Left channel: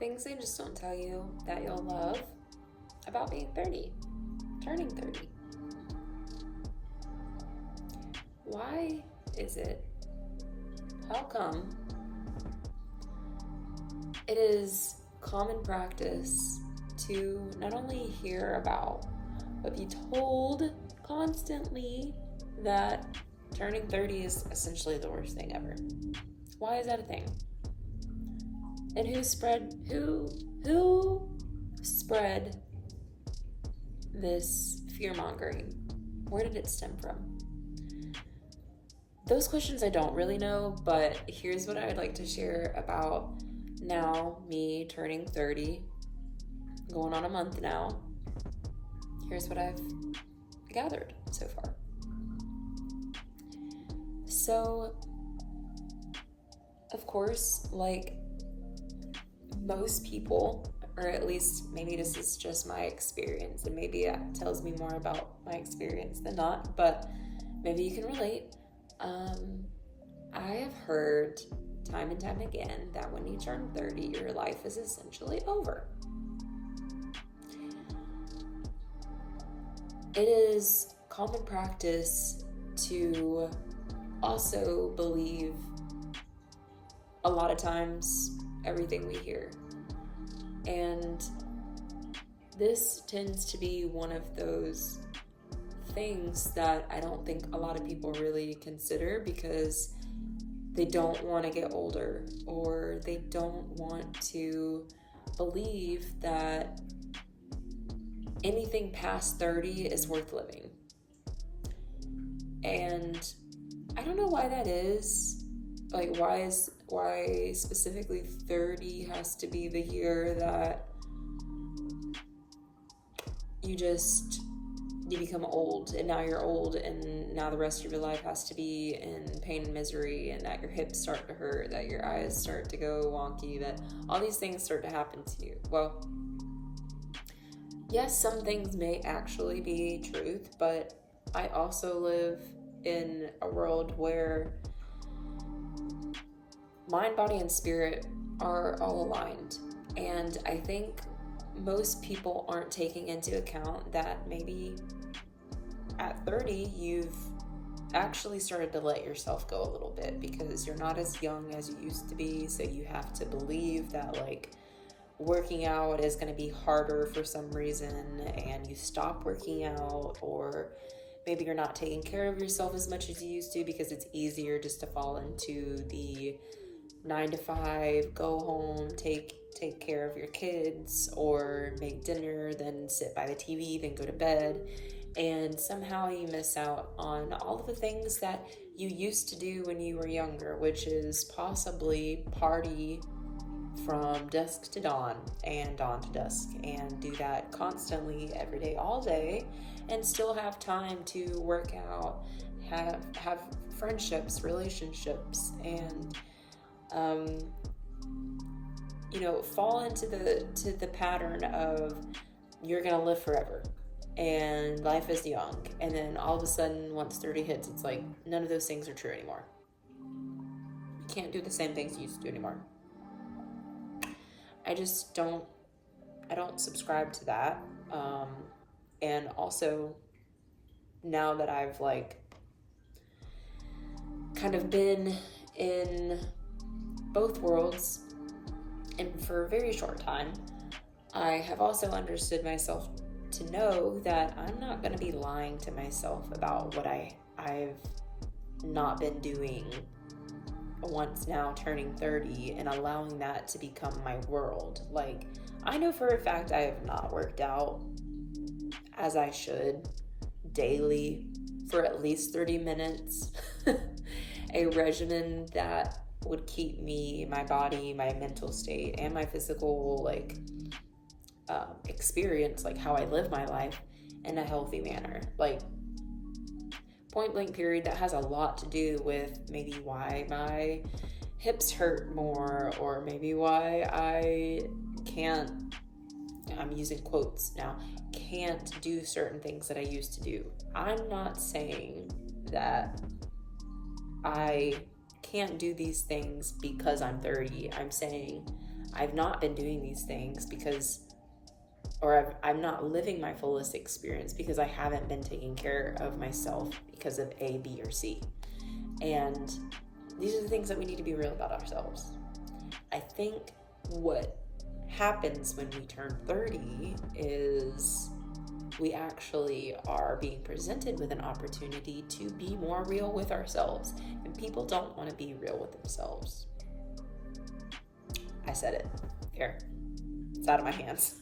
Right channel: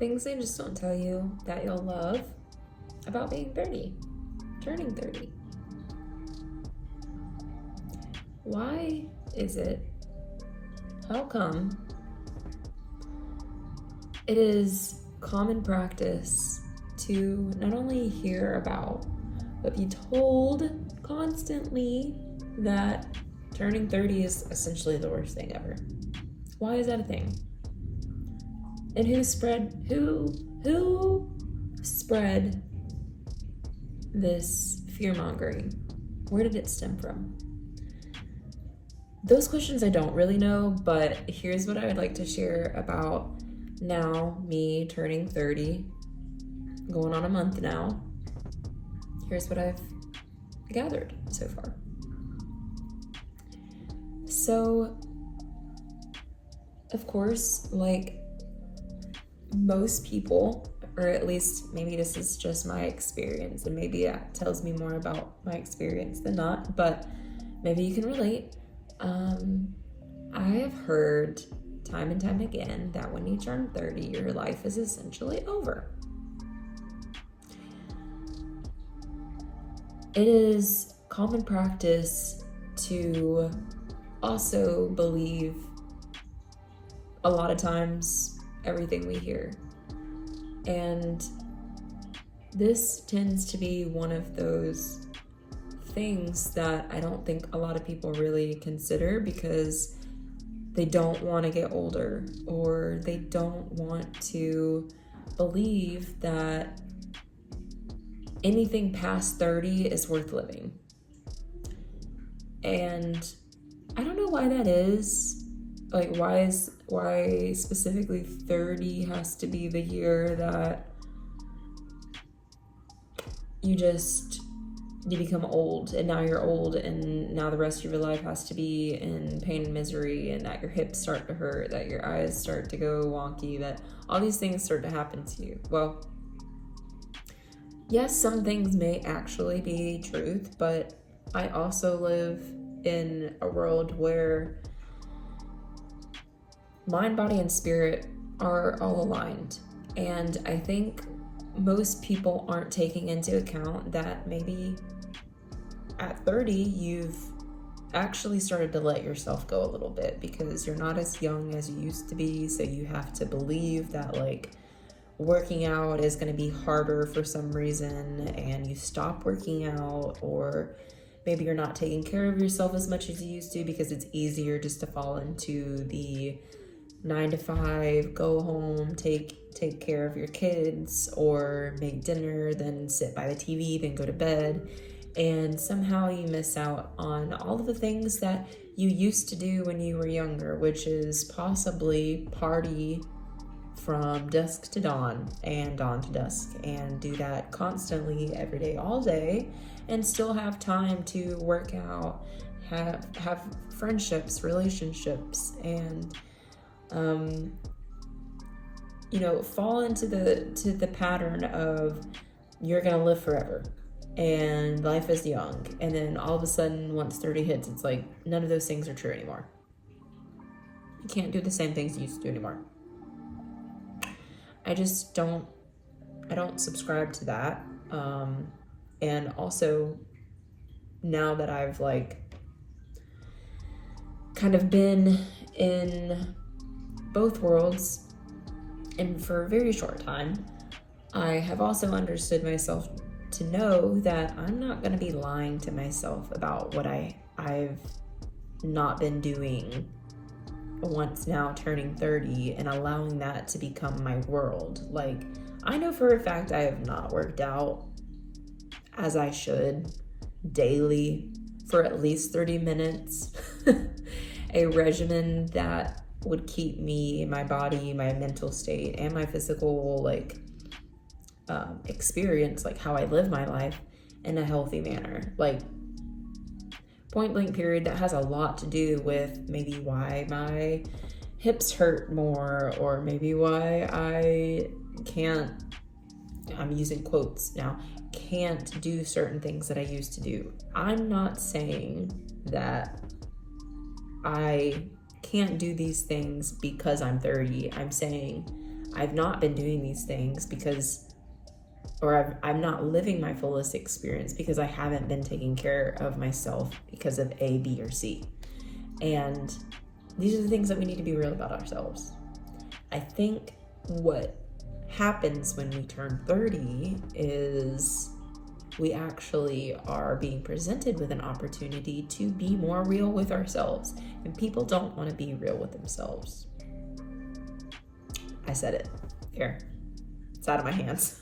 Things they just don't tell you that you'll love about being 30, turning 30. Why is it? How come it is common practice to not only hear about, but be told constantly that turning 30 is essentially the worst thing ever? Why is that a thing? And who spread this fear-mongering? Where did it stem from? Those questions I don't really know, but here's what I would like to share about now, me turning 30, going on a month now. Here's what I've gathered so far. So, of course, like most people, or at least maybe this is just my experience, and maybe that tells me more about my experience than not, but maybe you can relate. I have heard time and time again that when you turn 30, your life is essentially over. It is common practice to also believe a lot of times everything we hear. And this tends to be one of those things that I don't think a lot of people really consider because they don't want to get older, or they don't want to believe that anything past 30 is worth living. And I don't know why that is. Like, why specifically 30 has to be the year that you become old, and now you're old, and now the rest of your life has to be in pain and misery, and that your hips start to hurt, that your eyes start to go wonky, that all these things start to happen to you. Well, yes, some things may actually be truth, but I also live in a world where mind, body, and spirit are all aligned. And I think most people aren't taking into account that maybe at 30, you've actually started to let yourself go a little bit because you're not as young as you used to be. So you have to believe that like working out is going to be harder for some reason, and you stop working out, or maybe you're not taking care of yourself as much as you used to because it's easier just to fall into the 9 to 5, go home, take care of your kids, or make dinner, then sit by the TV, then go to bed. And somehow you miss out on all of the things that you used to do when you were younger, which is possibly party from dusk to dawn and dawn to dusk, and do that constantly every day, all day, and still have time to work out, have friendships, relationships, and fall into the pattern of you're gonna live forever and life is young, and then all of a sudden once 30 hits, it's like none of those things are true anymore. You can't do the same things you used to do anymore. I don't subscribe to that. And also, now that I've like kind of been in both worlds and for a very short time, I have also understood myself to know that I'm not going to be lying to myself about what I've not been doing once now turning 30 and allowing that to become my world. Like, I know for a fact I have not worked out as I should daily for at least 30 minutes. A regimen that would keep me, my body, my mental state, and my physical experience, like how I live my life, in a healthy manner. Like, point blank period, that has a lot to do with maybe why my hips hurt more, or maybe why I can't, I'm using quotes now, can't do certain things that I used to do. I'm not saying that I can't do these things because I'm 30. I'm saying I've not been doing these things because, or I'm not living my fullest experience because I haven't been taking care of myself because of A, B, or C. And these are the things that we need to be real about ourselves. I think what happens when we turn 30 is we actually are being presented with an opportunity to be more real with ourselves. And people don't want to be real with themselves. I said it. Here. It's out of my hands.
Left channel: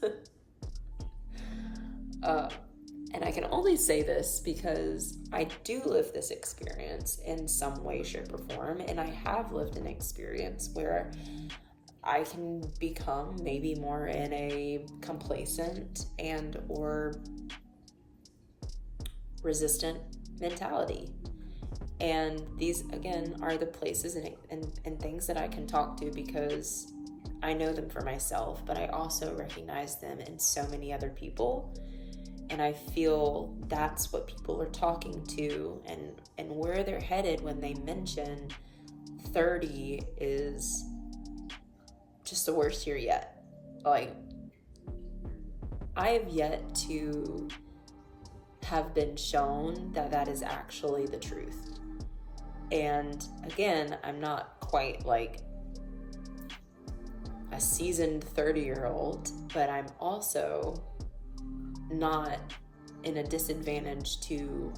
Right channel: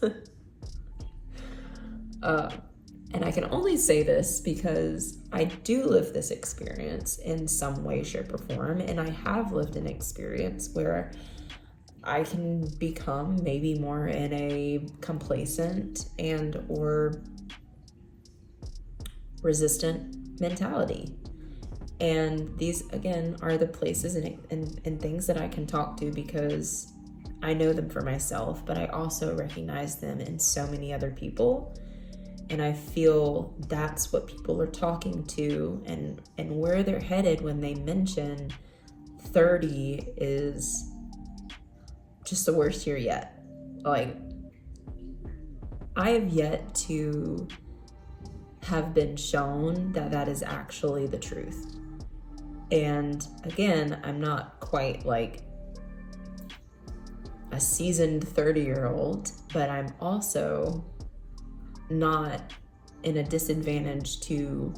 And I can only say this because I do live this experience in some way, shape, or form. And I have lived an experience where I can become maybe more in a complacent and or resistant mentality. And these, again, are the places and things that I can talk to because I know them for myself, but I also recognize them in so many other people. And I feel that's what people are talking to and where they're headed when they mention 30 is just the worst year yet. Like, I have yet to have been shown that that is actually the truth. And again, I'm not quite like a seasoned 30-year-old, but I'm also not in a disadvantage to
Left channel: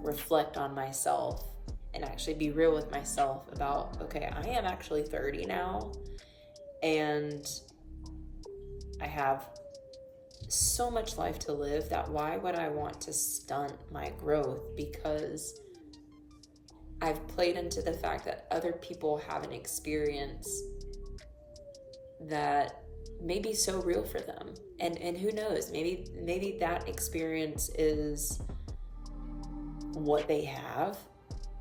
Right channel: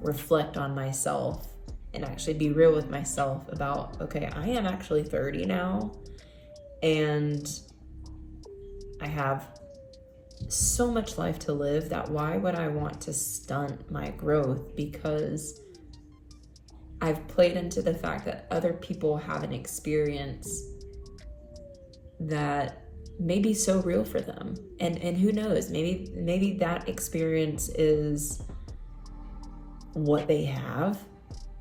reflect on myself and actually be real with myself about, okay, I am actually 30 now, and I have so much life to live that why would I want to stunt my growth because I've played into the fact that other people have an experience that may be so real for them, and who knows, maybe that experience is what they have,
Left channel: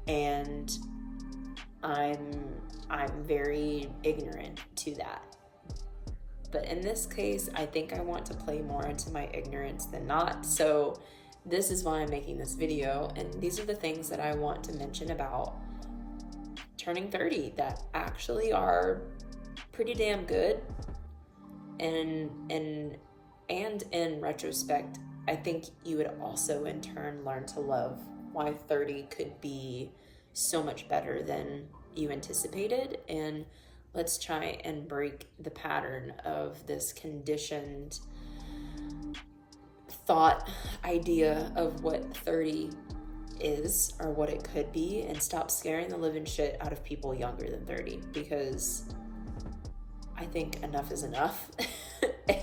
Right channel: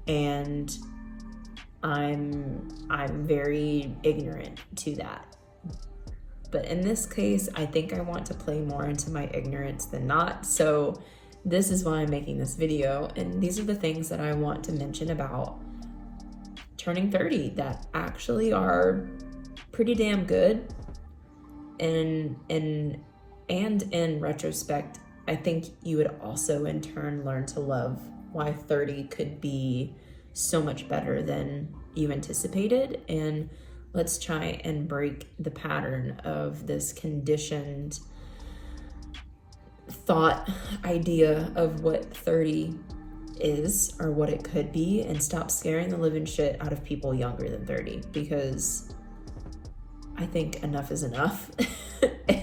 and I'm very ignorant to that. But in this case, I think I want to play more into my ignorance than not. So this is why I'm making this video, and these are the things that I want to mention about turning 30 that actually are pretty damn good. And in retrospect, I think you would also in turn learn to love why 30 could be so much better than you anticipated. And let's try and break the pattern of this conditioned thought idea of what 30 is or what it could be, and stop scaring the living shit out of people younger than 30, because I think enough is enough.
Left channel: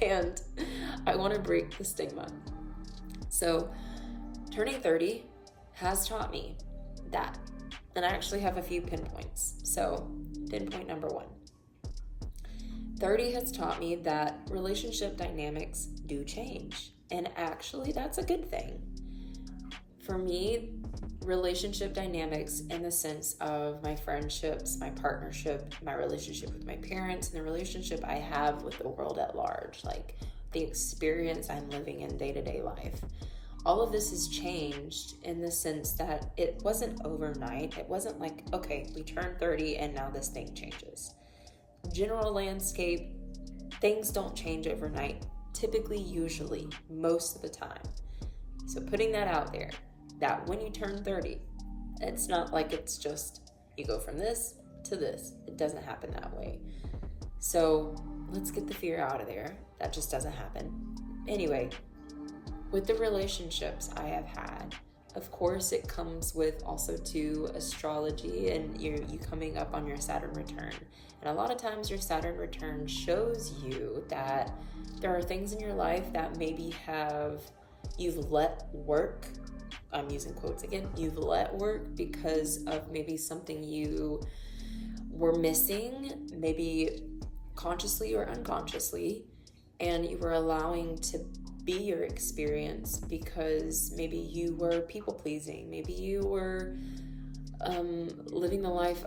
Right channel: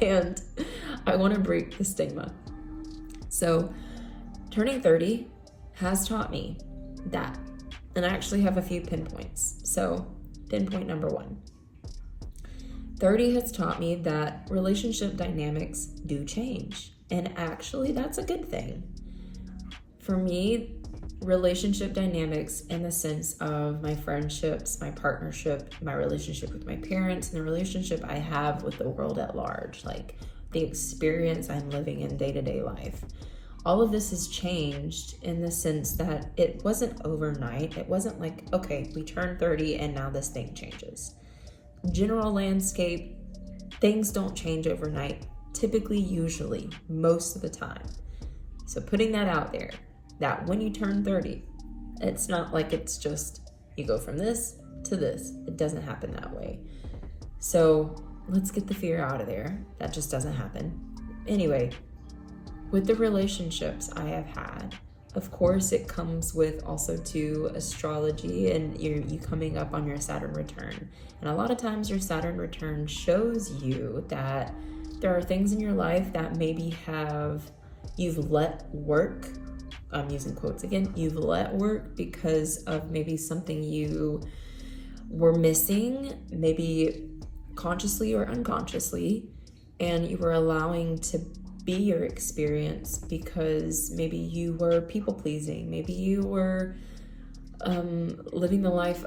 And I want to break the stigma. So turning 30 has taught me that, and I actually have a few pinpoints. So pinpoint number 1, 30 has taught me that relationship dynamics do change, and actually that's a good thing. For me, relationship dynamics in the sense of my friendships, my partnership, my relationship with my parents, and the relationship I have with the world at large, like the experience I'm living in day-to-day life. All of this has changed in the sense that it wasn't overnight. It wasn't like, okay, we turned 30 and now this thing changes. General landscape, things don't change overnight, typically, usually, most of the time. So putting that out there, that when you turn 30, it's not like it's just you go from this to this. It doesn't happen that way. So let's get the fear out of there. That just doesn't happen. Anyway, with the relationships I have had, of course it comes with also to astrology and you coming up on your Saturn return. And a lot of times your Saturn return shows you that there are things in your life that maybe you've let work. I'm using quotes again. You've let work because of maybe something you were missing, maybe consciously or unconsciously, and you were allowing to be your experience because maybe you were people pleasing, maybe you were living the life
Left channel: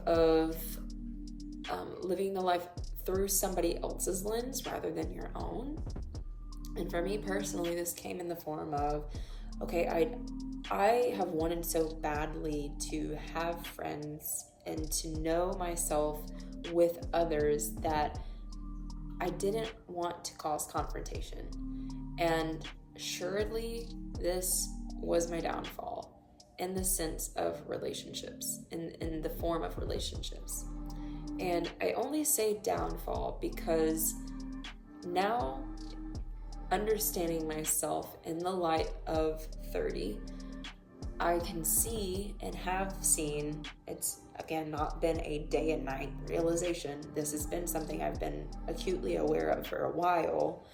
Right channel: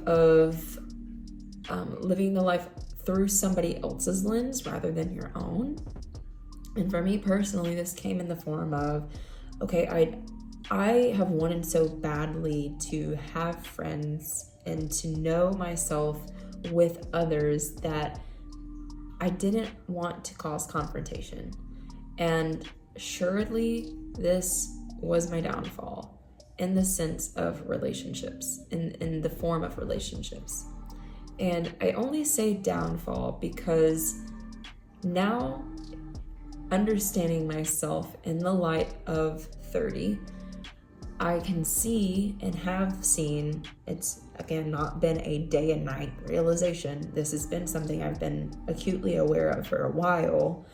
through somebody else's lens rather than your own. And for me personally, this came in the form of, okay, I have wanted so badly to have friends and to know myself with others that I didn't want to cause confrontation. And surely this was my downfall in the sense of relationships, in the form of relationships. And I only say downfall because now, understanding myself in the light of 30, I can see and have seen, it's again not been a day and night realization. This has been something I've been acutely aware of for a while,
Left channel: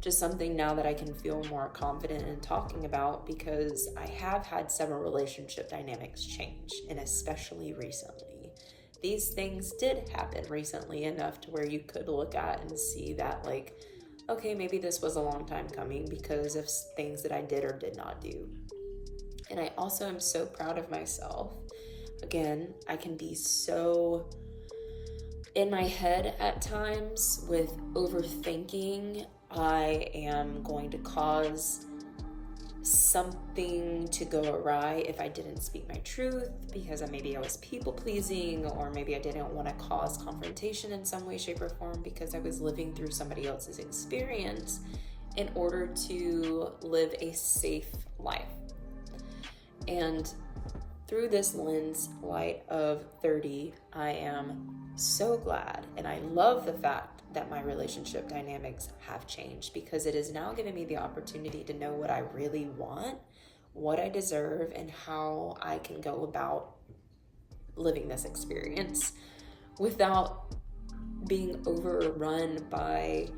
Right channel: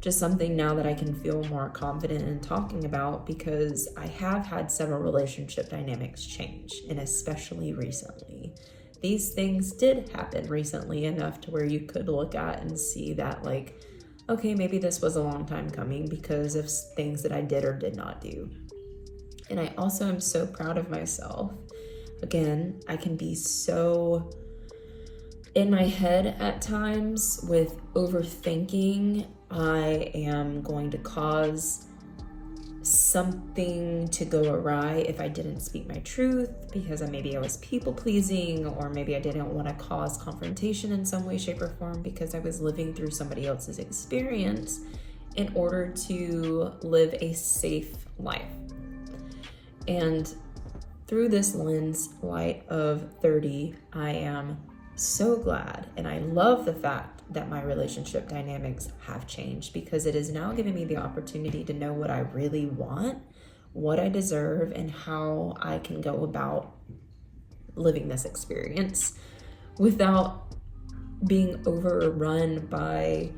just something now that I can feel more confident in talking about, because I have had several relationship dynamics change, and especially recently. These things did happen recently enough to where you could look at and see that, like, okay, maybe this was a long time coming because of things that I did or did not do. And I also am so proud of myself. Again, I can be so in my head at times with overthinking. I am going to cause something to go awry if I didn't speak my truth, because maybe I was people pleasing, or maybe I didn't want to cause confrontation in some way, shape, or form because I was living through somebody else's experience in order to live a safe life. And through this lens light of 30, I am so glad, and I love the fact that my relationship dynamics have changed, because it is now giving me the opportunity to know what I really want, what I deserve, and how I can go about living this experience without being overrun by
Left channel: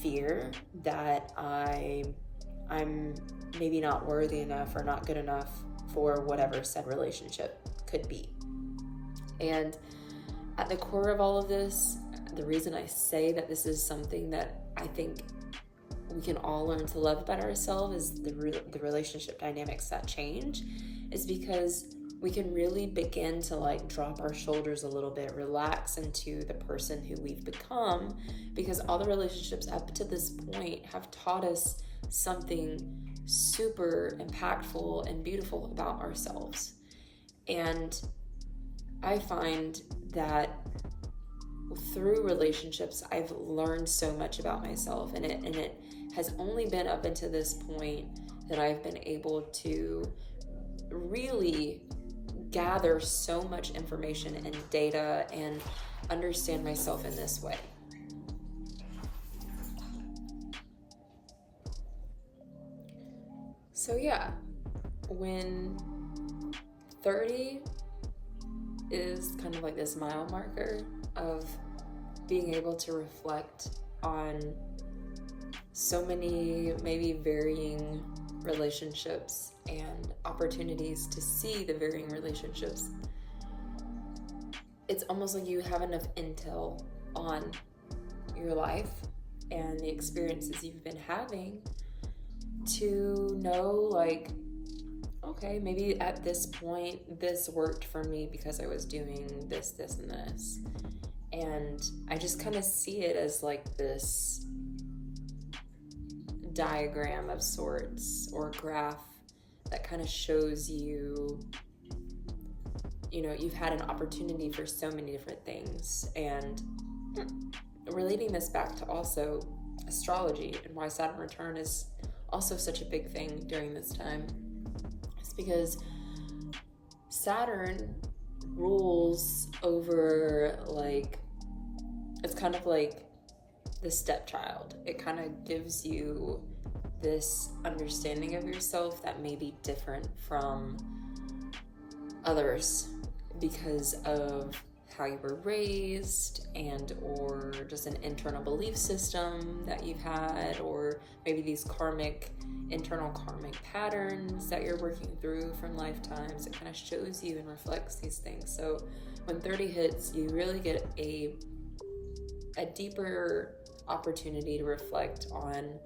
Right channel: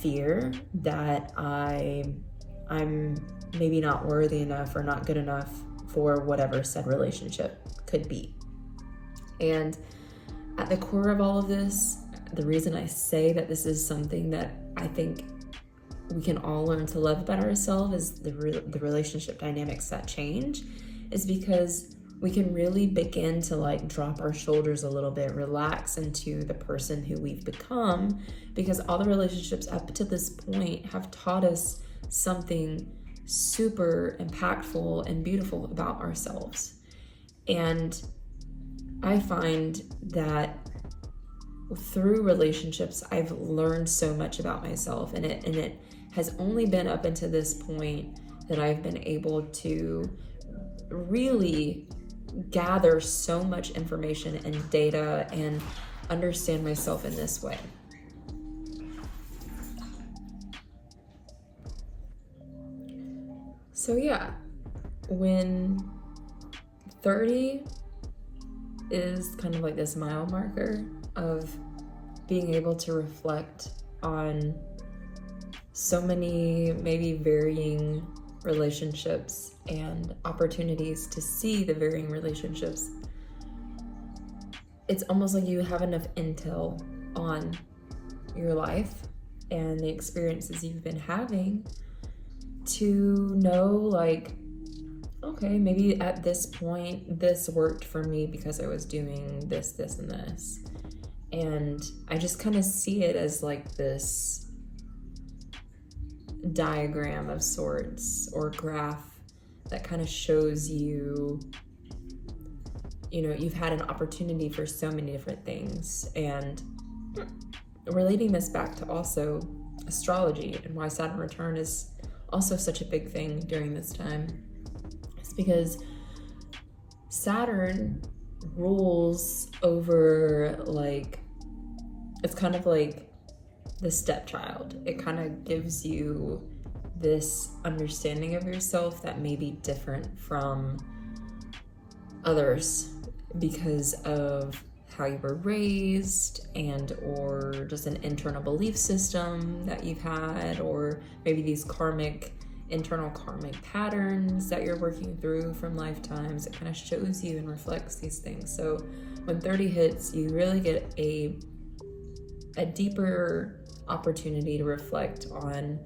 fear that I'm maybe not worthy enough or not good enough for whatever said relationship could be. And at the core of all of this, the reason I say that this is something that I think we can all learn to love about ourselves is the relationship dynamics that change, is because we can really begin to like drop our shoulders a little bit, relax into the person who we've become, because all the relationships up to this point have taught us something super impactful and beautiful about ourselves. And I find that through relationships, I've learned so much about myself, and it has only been up until this point that I've been able to really gather so much information and data and understand myself in this way. So yeah, when 30 is kind of like this mile marker of being able to reflect on so many maybe varying relationships and opportunities to see the varying relationships, it's almost like you have enough intel on your life and the experiences you've been having to know, like, okay, maybe at this point this worked for me because I was doing this, this, and this. And I just kind of see it as like this diagram of sorts, or graph that kind of shows you, you know, you've had an opportunity for so many different things. And relating this back to also astrology and why Saturn return is also such a big thing during this time, it's because Saturn rules over, like, it's kind of like the stepchild. It kind of gives you this understanding of yourself that may be different from others because of how you were raised, and or just an internal belief system that you've had, or maybe these internal karmic patterns that you're working through from lifetimes. It kind of shows you and reflects these things. So when 30 hits, you really get a deeper opportunity to reflect on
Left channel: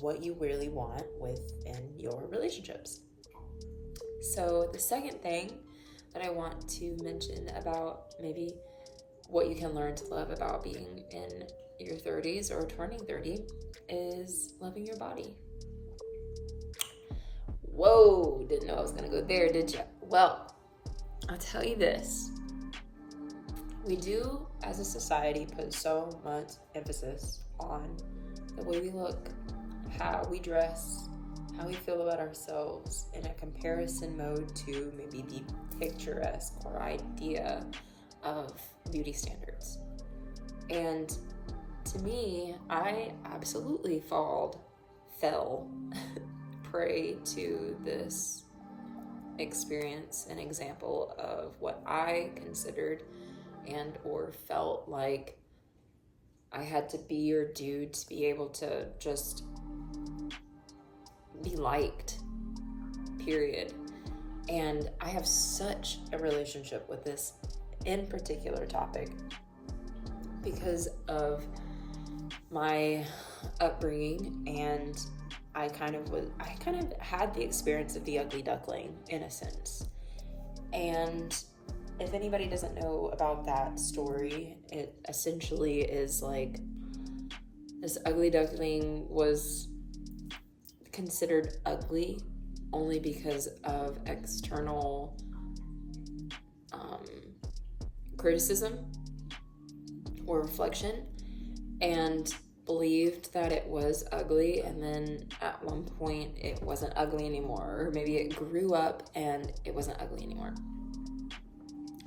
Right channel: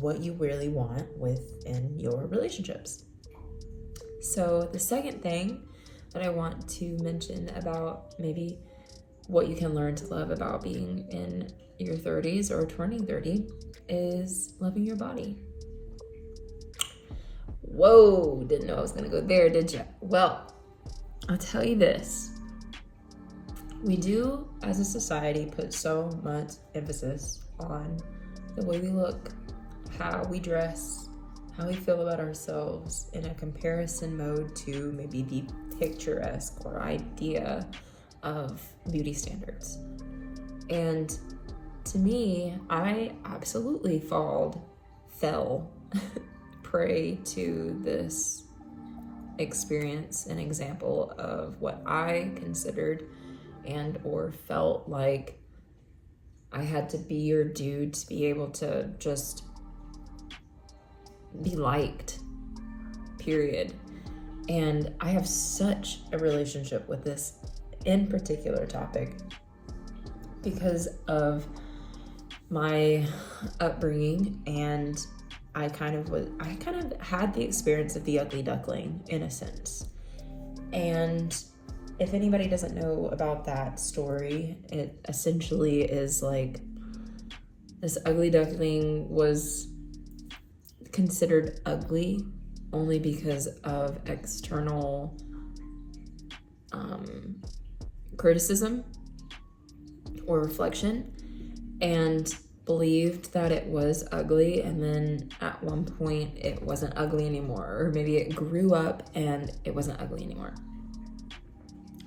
what you really want within your relationships. So the second thing that I want to mention about maybe what you can learn to love about being in your 30s or turning 30 is loving your body. Whoa, didn't know I was gonna go there, did you? Well, I'll tell you this. we do, as a society, put so much emphasis on the way we look, how we dress, how we feel about ourselves in a comparison mode to maybe the picturesque or idea of beauty standards. And to me, I absolutely fell prey to this experience, an example of what I considered and or felt like I had to be or do to be able to just be liked, period. And I have such a relationship with this in particular topic because of my upbringing, and I kind of had the experience of the ugly duckling in a sense. And if anybody doesn't know about that story, it essentially is like this ugly duckling was considered ugly only because of external criticism or reflection, and believed that it was ugly, and then at one point it wasn't ugly anymore, or maybe it grew up and it wasn't ugly anymore.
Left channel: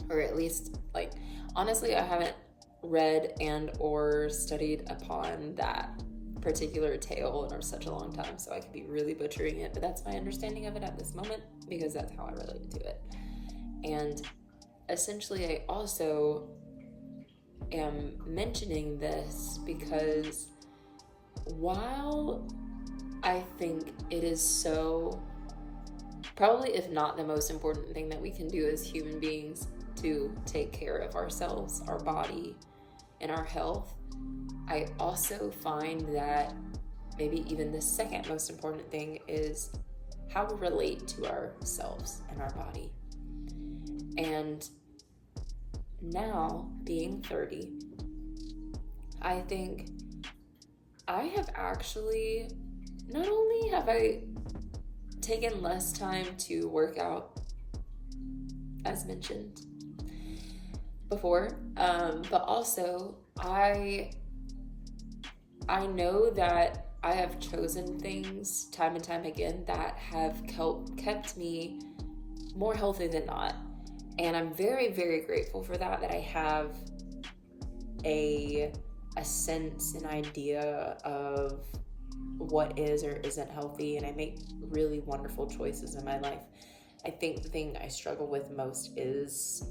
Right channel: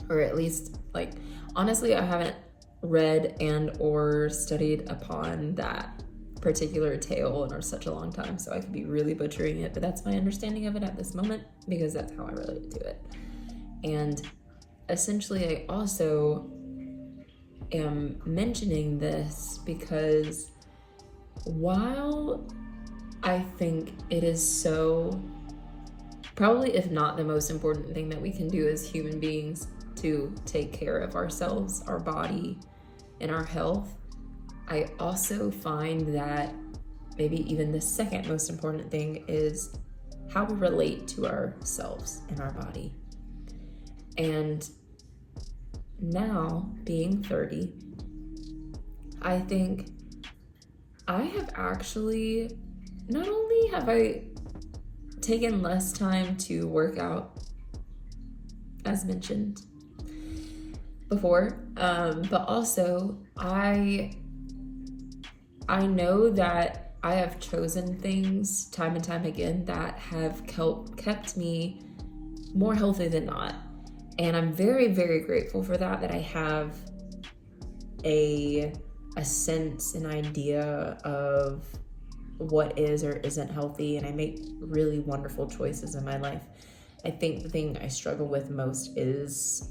Or at least, like, honestly, I haven't read and or studied upon that particular tale in such a long time, so I could be really butchering it, but that's my understanding of it at this moment because that's how I related to it. And essentially, I also am mentioning this because while I think it is so, probably if not the most important thing that we can do as human beings to take care of ourselves, our body, and our health, I also find that maybe even the second most important thing is how we relate to ourselves and our body. And now, being 30, I think I have actually, not only have I taken less time to work out, as mentioned before, but also I know that I have chosen things time and time again that have kept me more healthy than not. And I'm very, very grateful for that I have a sense, an idea of what is or isn't healthy, and I make really wonderful choices in my life. I think the thing I struggle with most is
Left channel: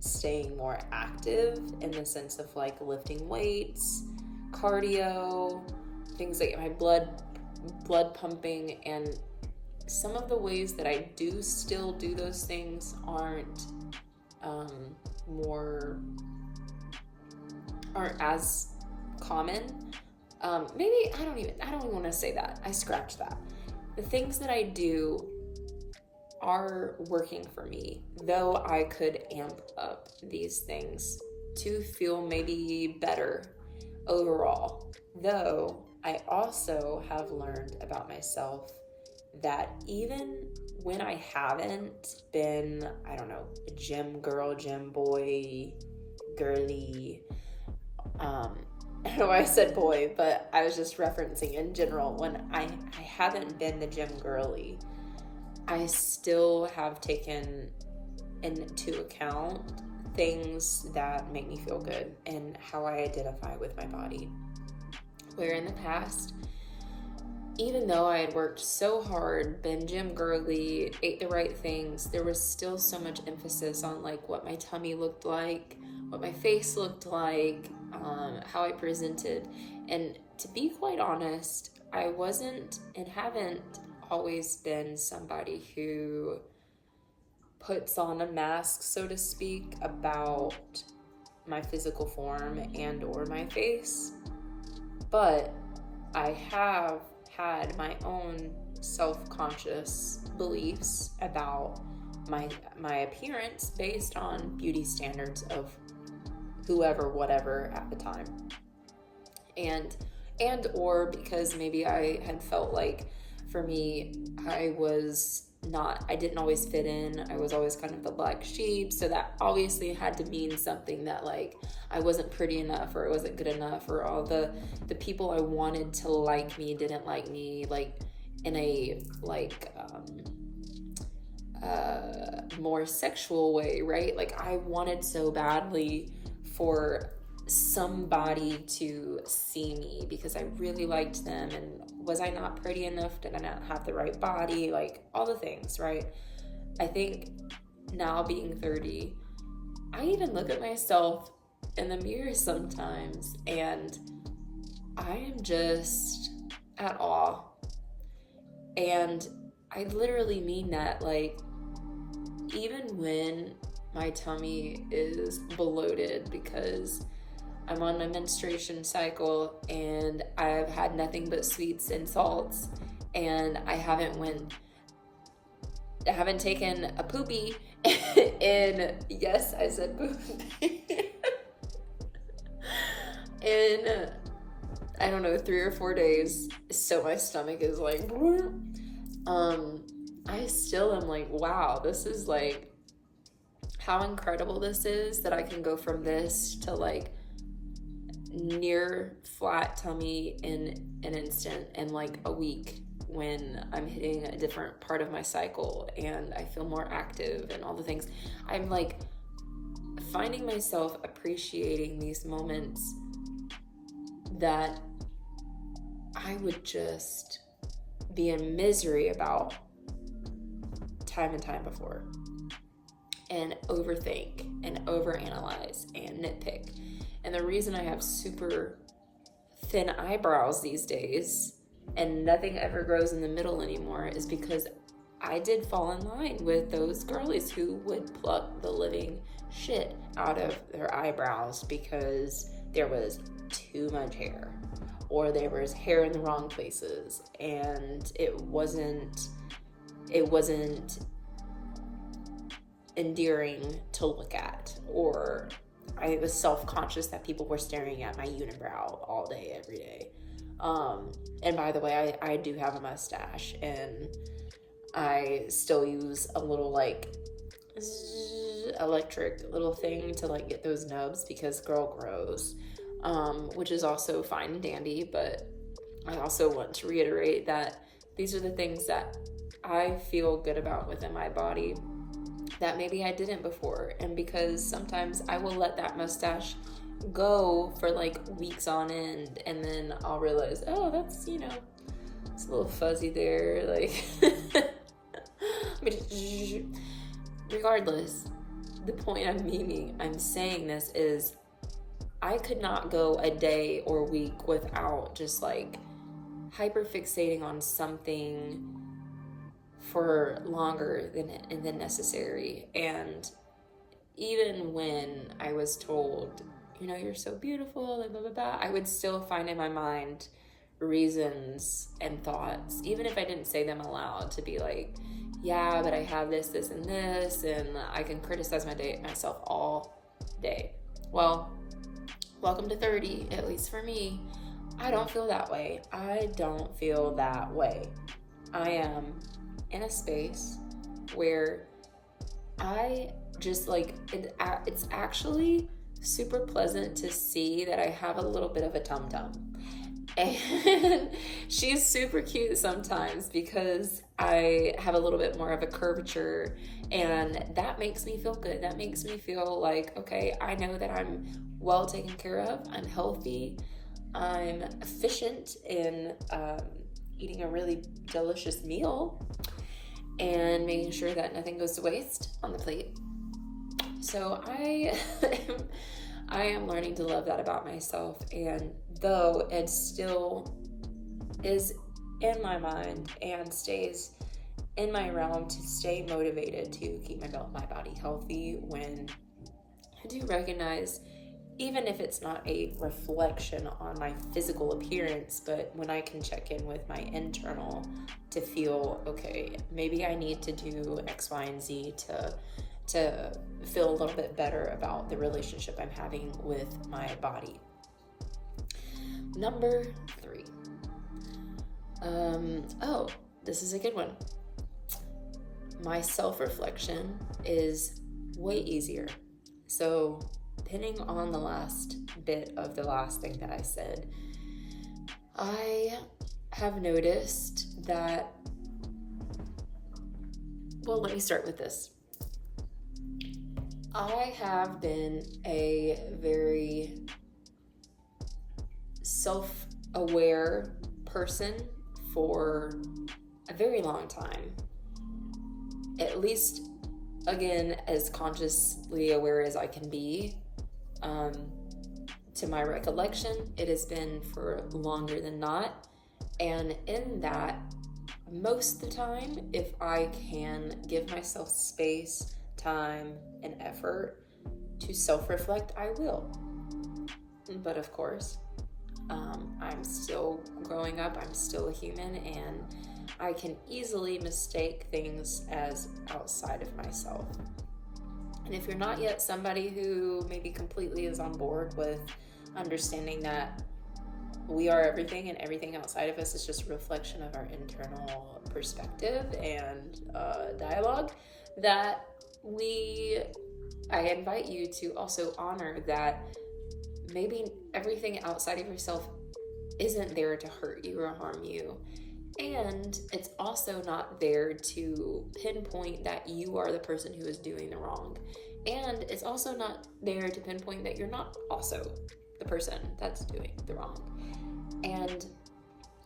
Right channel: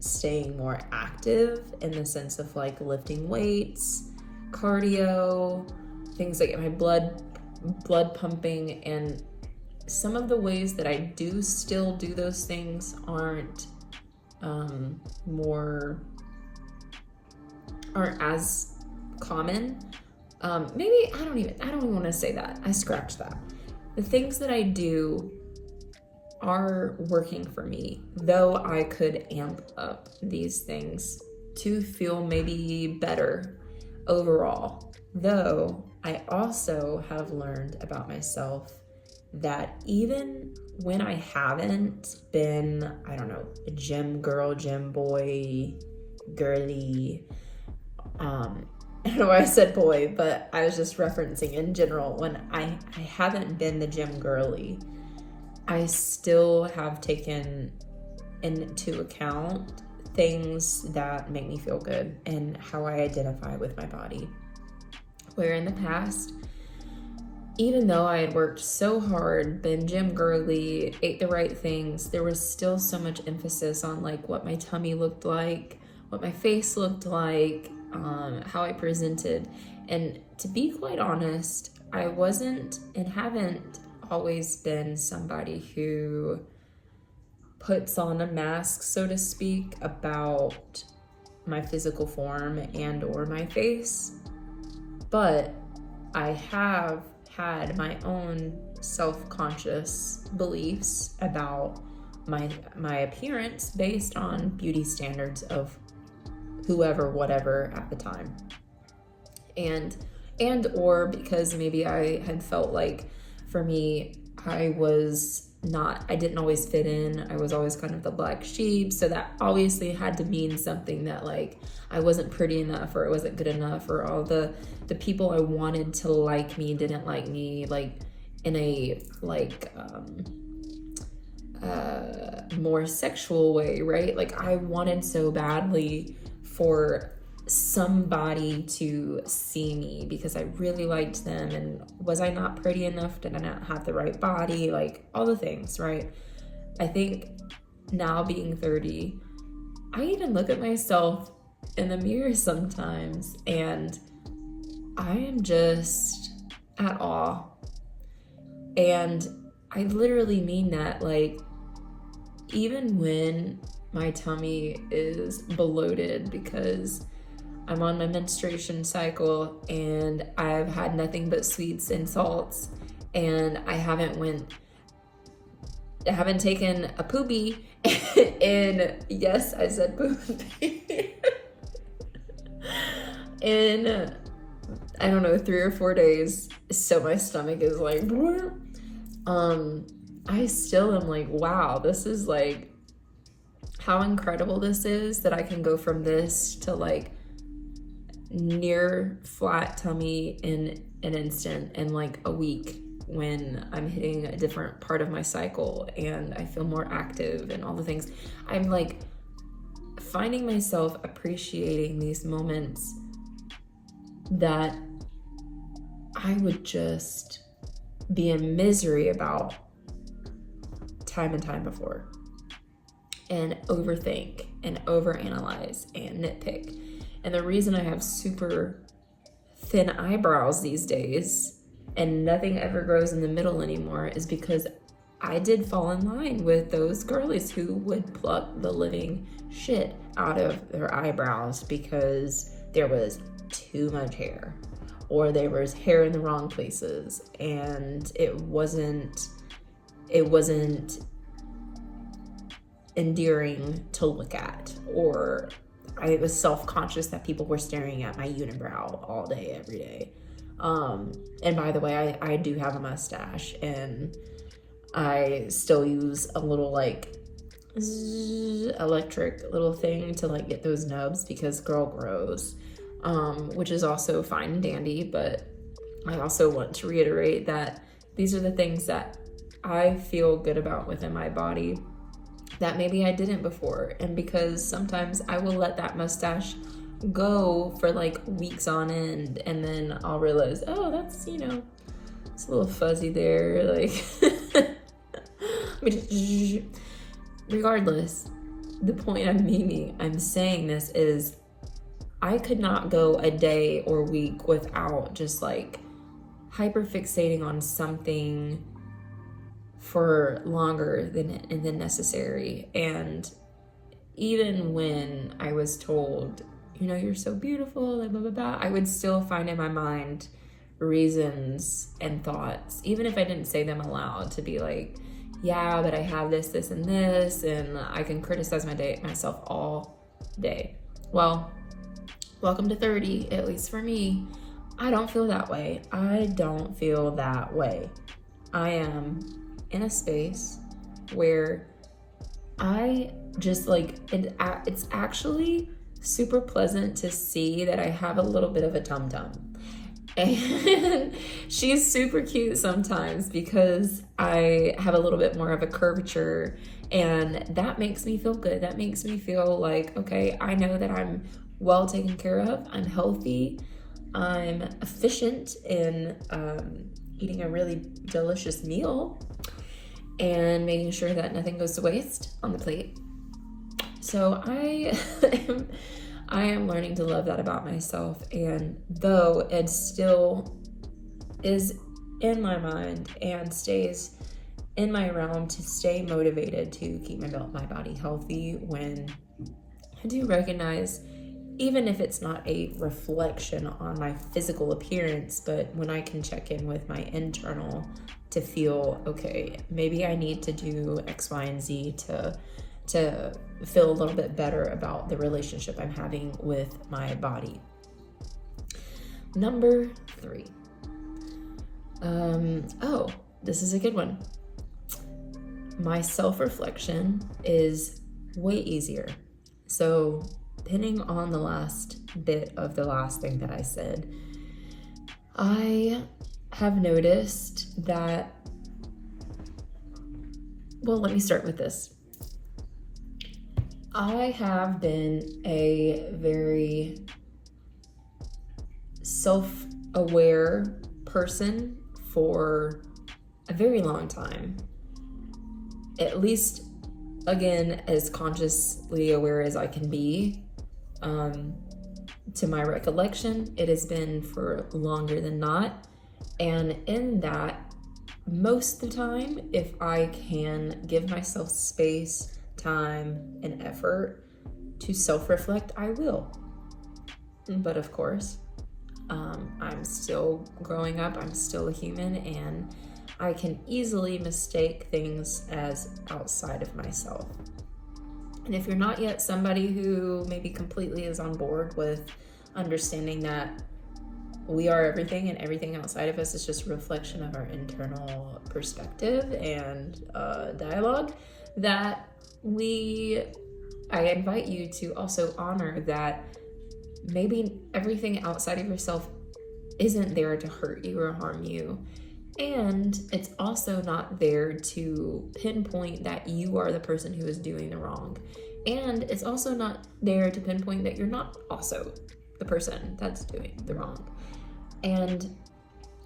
staying more active in the sense of like lifting weights, cardio, things like my blood pumping, and some of the ways that I do still do those things aren't as common. Maybe I don't even want to say that. I scratch that. The things that I do are working for me, though I could amp up these things to feel maybe better overall. Though I also have learned about myself that even when I haven't been, I don't know, a gym girl, gym boy, girly, I don't know why I said boy, but I was just referencing in general, when I haven't been the gym girly, I still have taken into account things that make me feel good and how I identify with my body. Where in the past, even though I had worked so hard, been gym girly, ate the right things, there was still so much emphasis on like what my tummy looked like, what my face looked like, how I presented. And to be quite honest, I wasn't and haven't always been somebody who puts on a mask, so to speak, about my physical form and or my face. But I have had my own self-conscious beliefs about my appearance based on beauty standards of whoever, whatever at the time. And or because maybe I had felt like, for me, I was I didn't always fit in. I was always kind of the black sheep. So that obviously had to mean something, that like I wasn't pretty enough, or it wasn't good enough, or all the people I wanted to like me didn't like me, like in a like more sexual way, right? Like I wanted so badly for somebody to see me because I really liked them, and was I not pretty enough? Did I not have the right body? Like all the things, right? I think now, being 30, I even look at myself in the mirror sometimes and I am just at awe. And I literally mean that. Like, even when my tummy is bloated because I'm on my menstruation cycle and I've had nothing but sweets and salts, and I haven't taken a poopy in, yes, I said poopy, in, I don't know, 3 or 4 days. So my stomach is like, I still am like, wow, this is like, how incredible this is that I can go from this to like near flat tummy in an instant, in like a week, when I'm hitting a different part of my cycle and I feel more active and all the things. I'm like finding myself appreciating these moments that I would just be in misery about time and time before, and overthink and overanalyze and nitpick. And the reason I have super thin eyebrows these days and nothing ever grows in the middle anymore is because I did fall in line with those girlies who would pluck the living shit out of their eyebrows because there was too much hair, or there was hair in the wrong places, and it wasn't endearing to look at, or I was self-conscious that people were staring at my unibrow all day, every day. And by the way, I do have a mustache, and I still use a little like electric little thing to like get those nubs because girl grows, which is also fine and dandy. But I also want to reiterate that these are the things that I feel good about within my body that maybe I didn't before. And because sometimes I will let that mustache go for like weeks on end, and then I'll realize, oh, that's, you know, it's a little fuzzy there, like regardless, the point I'm saying this is, I could not go a day or week without just like hyper fixating on something for longer than necessary. And even when I was told, you know, you're so beautiful, like blah, blah, blah, I would still find in my mind reasons and thoughts, even if I didn't say them aloud, to be like, yeah, but I have this, this, and this, and I can criticize myself all day. Well, welcome to 30, at least for me. I don't feel that way. I am in a space where I just like, it's actually super pleasant to see that I have a little bit of a tum-tum. And she's super cute sometimes because I have a little bit more of a curvature, and that makes me feel good. That makes me feel like, okay, I know that I'm well taken care of. I'm healthy. I'm efficient in eating a really delicious meal and making sure that nothing goes to waste on the plate. So I am learning to love that about myself. And though it still is in my mind and stays in my realm to stay motivated to keep my body healthy, when I do recognize, even if it's not a reflection on my physical appearance, but when I can check in with my internal to feel, okay, maybe I need to do X, Y, and Z to feel a little bit better about the relationship I'm having with my body. Number 3. Oh, this is a good one. my self-reflection is way easier. So pinning on the last bit of the last thing that I said, I have noticed that, well, let me start with this. I have been a very self-aware person for a very long time. At least, again, as consciously aware as I can be. To my recollection, it has been for longer than not. And in that, most of the time, if I can give myself space, time, and effort to self-reflect, I will. But of course, I'm still growing up, I'm still a human, and I can easily mistake things as outside of myself. And if you're not yet somebody who maybe completely is on board with understanding that we are everything and everything outside of us is just a reflection of our internal perspective and dialogue, that I invite you to also honor that maybe everything outside of yourself isn't there to hurt you or harm you. And it's also not there to pinpoint that you are the person who is doing the wrong. And it's also not there to pinpoint that you're not also the person that's doing the wrong. And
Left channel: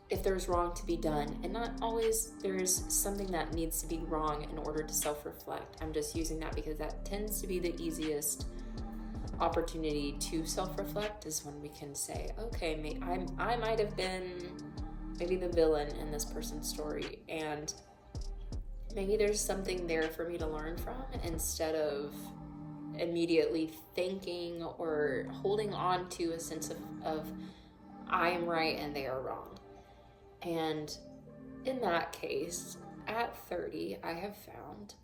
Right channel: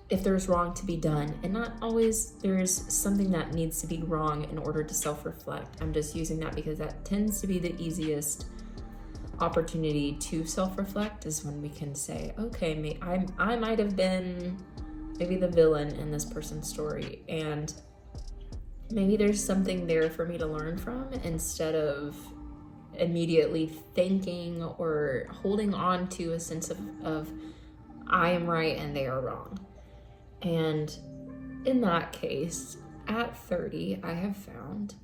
if there's wrong to be done, and not always there's something that needs to be wrong in order to self-reflect. I'm just using that because that tends to be the easiest opportunity to self-reflect, is when we can say, okay, I might have been maybe the villain in this person's story, and maybe there's something there for me to learn from, instead of immediately thinking or holding on to a sense of I am right and they are wrong. And in that case, at 30, I have found,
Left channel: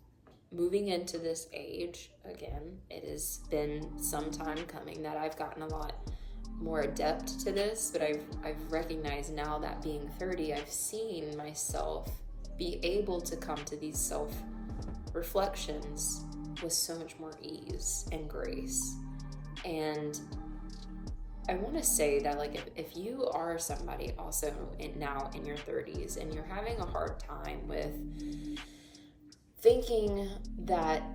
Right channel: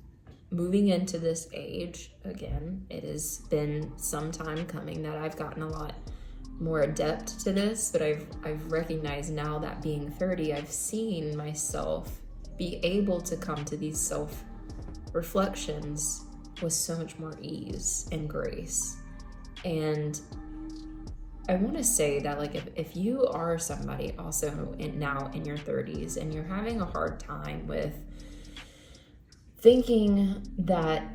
moving into this age, again, it has been some time coming that I've gotten a lot more adept to this, but I've recognized now that being 30, I've seen myself be able to come to these self-reflections with so much more ease and grace. And I want to say that, like, if you are somebody also now in your 30s and you're having a hard time with thinking that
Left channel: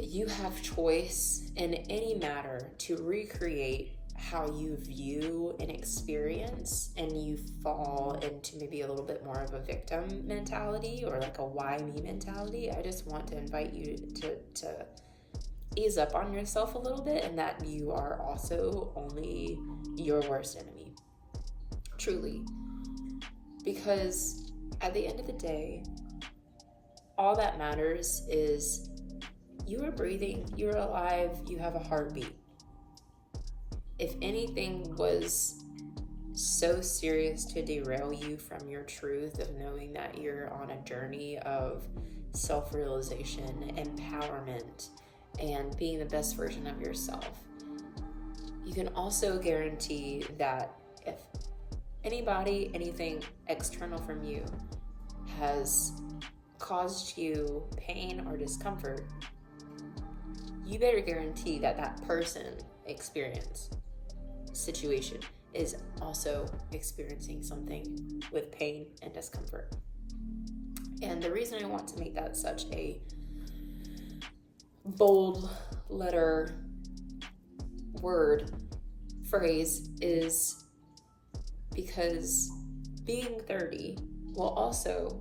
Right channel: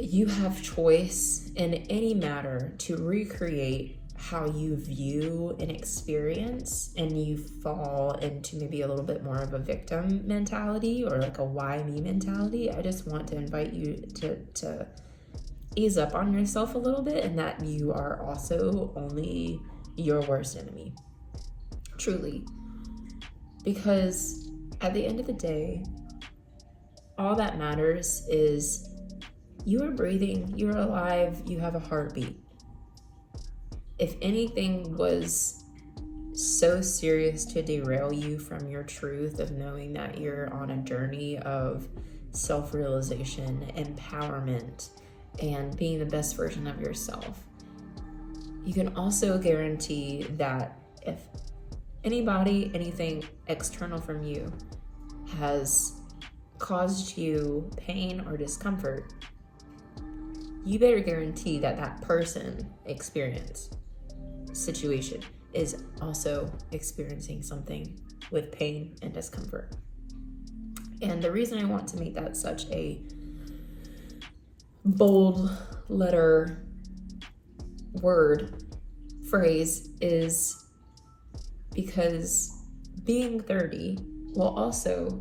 you have choice in any matter to recreate how you view an experience, and you fall into maybe a little bit more of a victim mentality or like a why me mentality, I just want to invite you to ease up on yourself a little bit, and that you are also only your worst enemy. Truly. Because at the end of the day, all that matters is you are breathing, you're alive, you have a heartbeat. If anything was so serious to derail you from your truth of knowing that you're on a journey of self-realization, empowerment, and being the best version of yourself, you can also guarantee that if anybody, anything external from you has caused you pain or discomfort, you better guarantee that that person, experience, situation is also experiencing something with pain and discomfort. And the reason I want to make that such a bold letter word phrase is because being 30 will also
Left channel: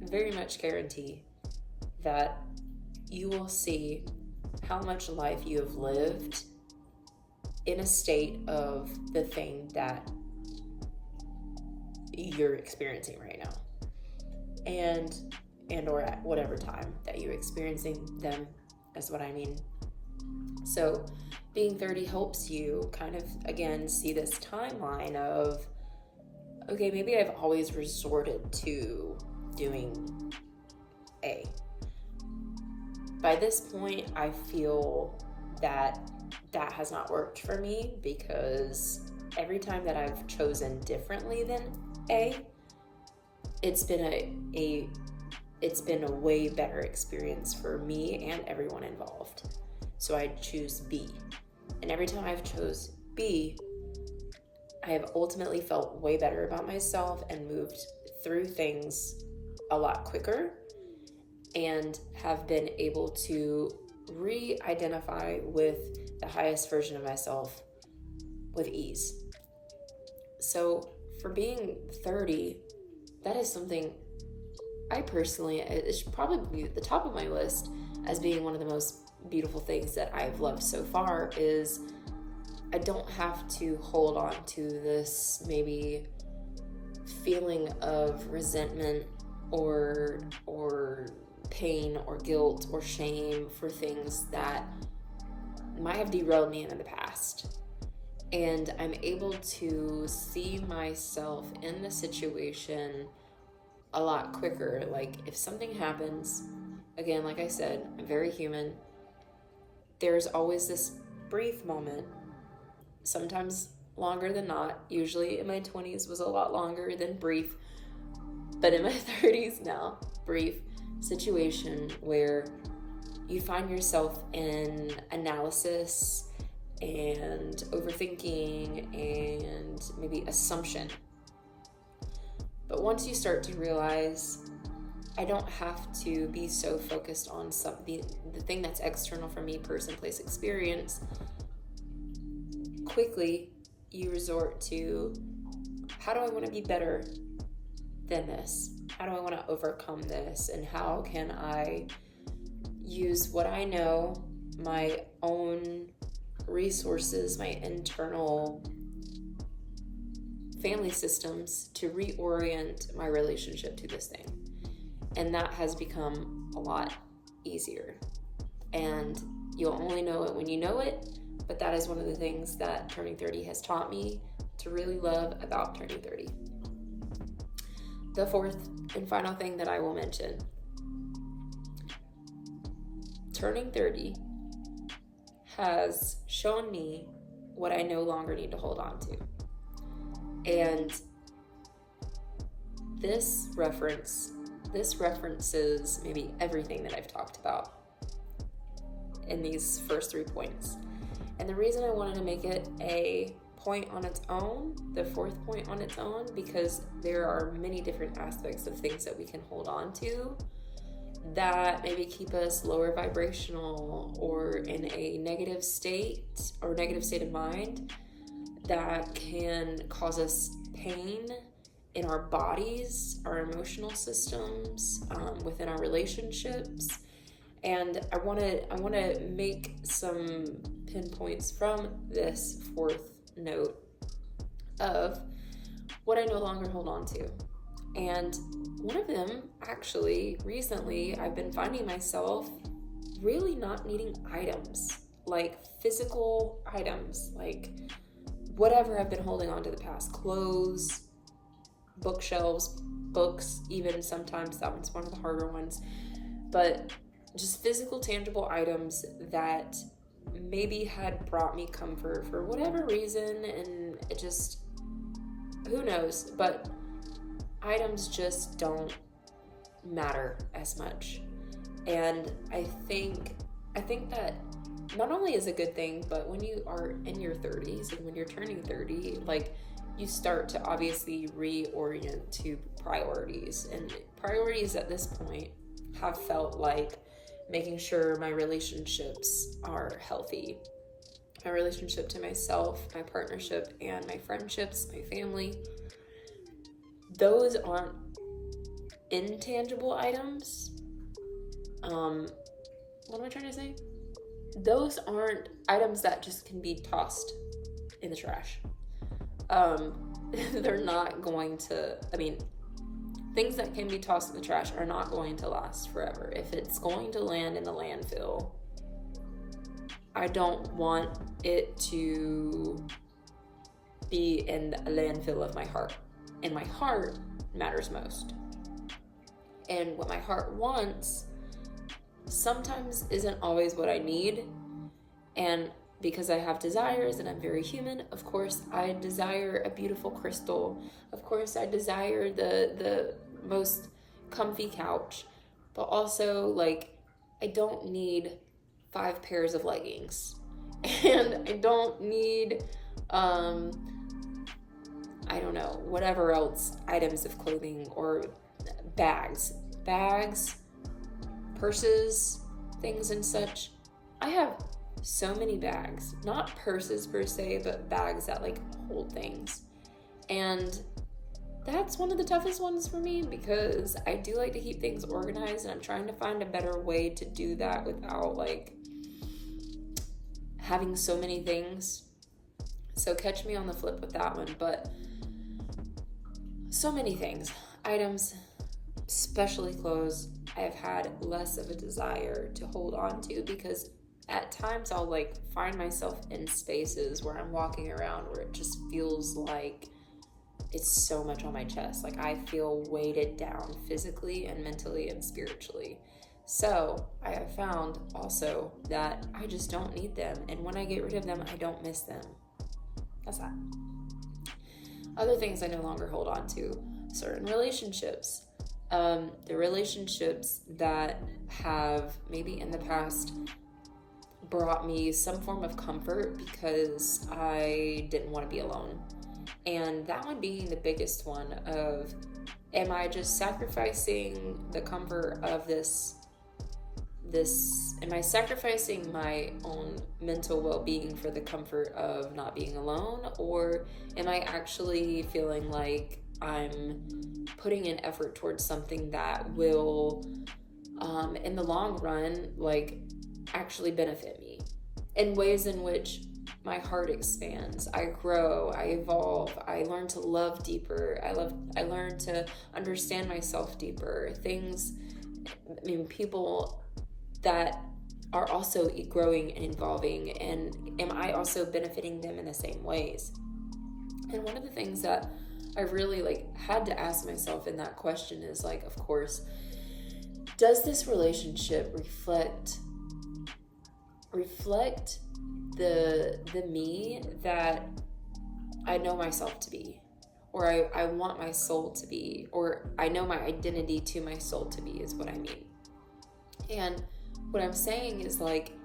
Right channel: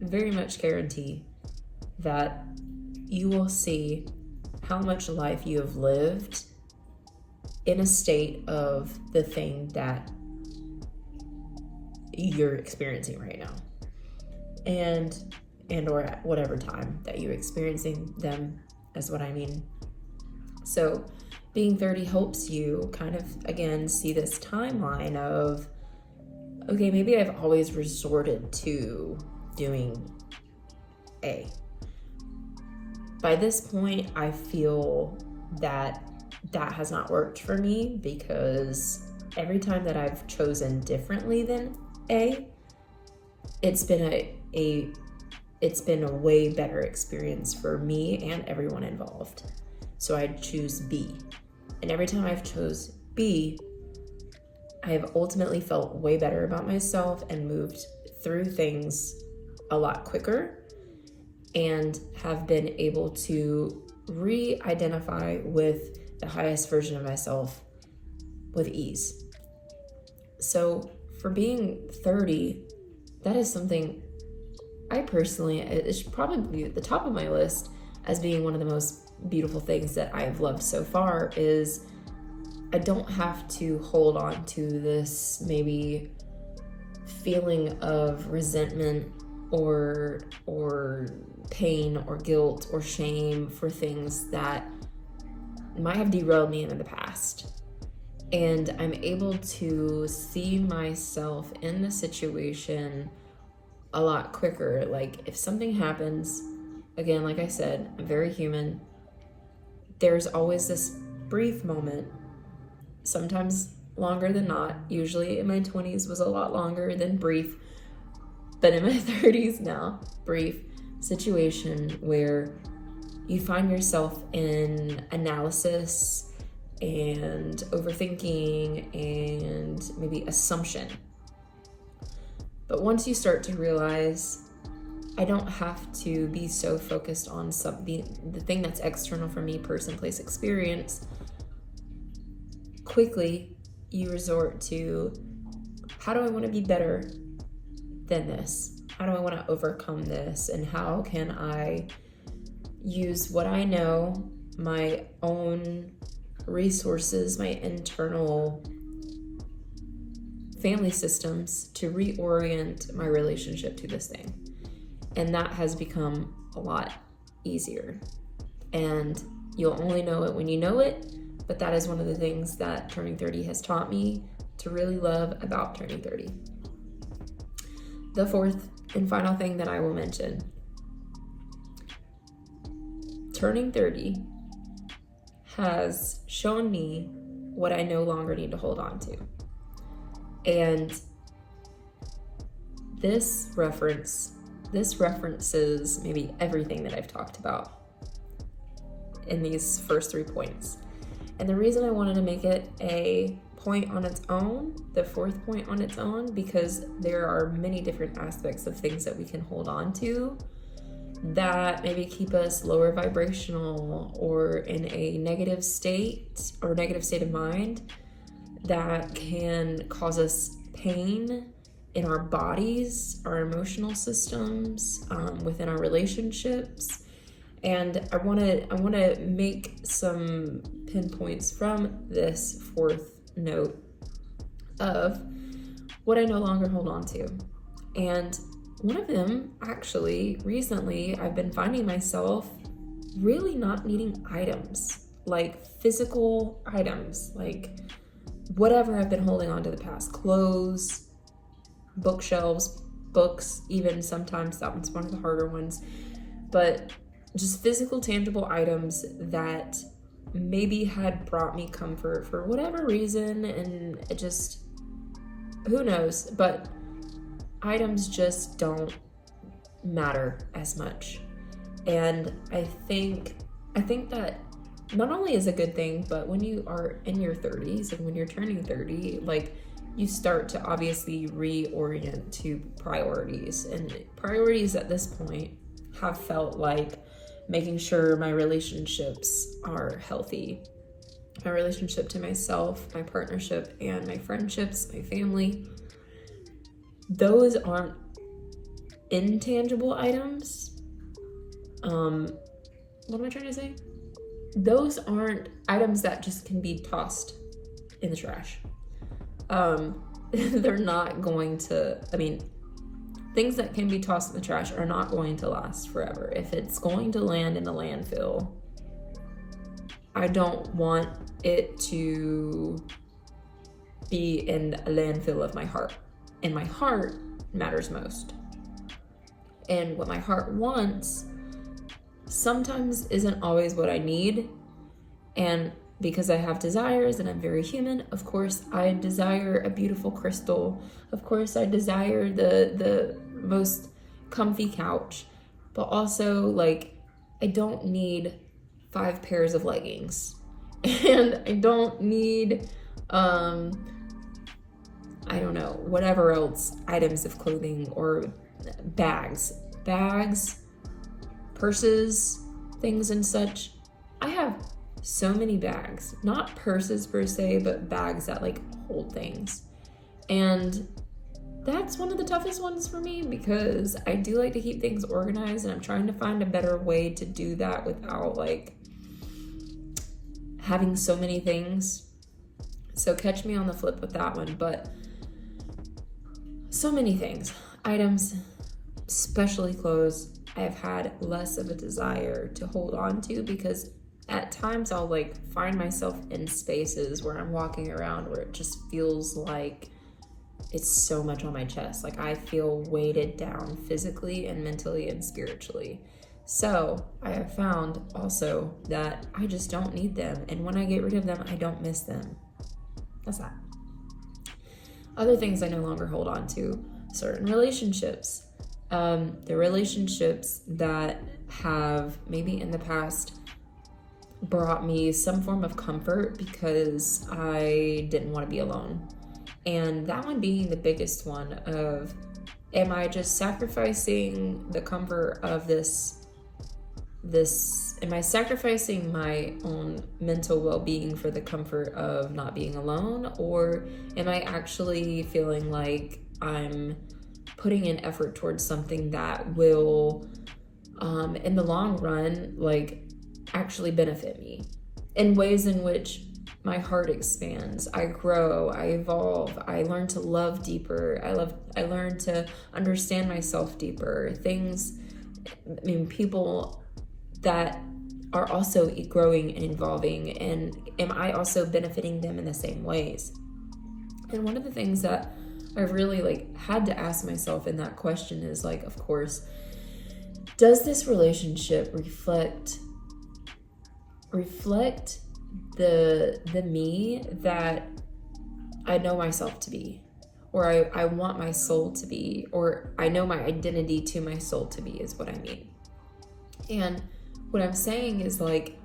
very much guarantee that you will see how much life you have lived in a state of the thing that you're experiencing right now, and or at whatever time that you're experiencing them, is what I mean. So being 30 helps you kind of, again, see this timeline of, okay, maybe I've always resorted to doing A. By this point, I feel that that has not worked for me, because every time that I've chosen differently than A, it's been it's been a way better experience for me and everyone involved. So I choose B. And every time I've chose B, I have ultimately felt way better about myself and moved through things a lot quicker and have been able to re-identify with the highest version of myself with ease. So for being 30, that is something I personally, it's probably at the top of my list as being one of the most beautiful things that I have loved so far, is I don't have to hold on to this maybe feeling of resentment or pain or guilt or shame for things that might have derailed me in the past. And I'm able to see myself in the situation a lot quicker. Like if something happens, again, like I said, I'm very human. There's always this brief moment, sometimes longer than not. Usually in my 20s was a lot longer than brief, but in my 30s now, brief situation where you find yourself in analysis and overthinking and maybe assumption. But once you start to realize, I don't have to be so focused on the thing that's external for me, person, place, experience. Quickly, you resort to, how do I want to be better than this? How do I want to overcome this? And how can I use what I know, my own resources, my internal family systems, to reorient my relationship to this thing? And that has become a lot easier. And you'll only know it when you know it, but that is one of the things that turning 30 has taught me to really love about turning 30. The fourth and final thing that I will mention, turning 30 has shown me what I no longer need to hold on to. And this references maybe everything that I've talked about in these first 3 points. And the reason I wanted to make it a point on its own, the fourth point on its own, because there are many different aspects of things that we can hold on to that maybe keep us lower vibrational or in a negative state or negative state of mind, that can cause us pain in our bodies, our emotional systems, within our relationships. And I want to make some pinpoints from this fourth note of what I no longer hold on to. And one of them, actually, recently, I've been finding myself really not needing items, like physical items, like whatever I've been holding on to the past, clothes, bookshelves, books, even sometimes that one's one of the harder ones, but just physical, tangible items that maybe had brought me comfort for whatever reason, and it just, who knows, but items just don't matter as much. And I think that not only is a good thing, but when you are in your 30s and when you're turning 30, like, you start to obviously reorient to priorities. And priorities at this point have felt like making sure my relationships are healthy. My relationship to myself, my partnership, and my friendships, my family. Those aren't intangible items. What am I trying to say? Those aren't items that just can be tossed in the trash. They're not going to, things that can be tossed in the trash are not going to last forever. If it's going to land in the landfill, I don't want it to be in a landfill of my heart. And my heart matters most. And what my heart wants sometimes isn't always what I need. And because I have desires and I'm very human, of course I desire a beautiful crystal. Of course I desire the most comfy couch. but also like I don't need 5 pairs of leggings, and I don't need I don't know, whatever else items of clothing or bags, purses, things and such. I have so many bags, not purses per se, but bags that like hold things. And that's one of the toughest ones for me because I do like to keep things organized, and I'm trying to find a better way to do that without like having so many things. So catch me on the flip with that one. But so many things, items, especially clothes, I have had less of a desire to hold on to, because at times I'll like find myself in spaces where I'm walking around where it just feels like it's so much on my chest. Like I feel weighted down physically and mentally and spiritually. So I have found also that I just don't need them. And when I get rid of them, I don't miss them. That's that. Other things I no longer hold on to, certain relationships. The relationships that have maybe in the past brought me some form of comfort because I didn't want to be alone. And that one being the biggest one of, am I just sacrificing the comfort of this, am I sacrificing my own mental well-being for the comfort of not being alone? Or am I actually feeling like I'm putting in effort towards something that will, in the long run, like actually benefit me in ways in which my heart expands, I grow, I evolve, I learn to love deeper, I learn to understand myself deeper, people that are also growing and evolving, and am I also benefiting them in the same ways? And one of the things that I really like had to ask myself in that question is like, of course, does this relationship reflect the me that I know myself to be, or I want my soul to be, or I know my identity to my soul to be, is what I mean. And what I'm saying is like,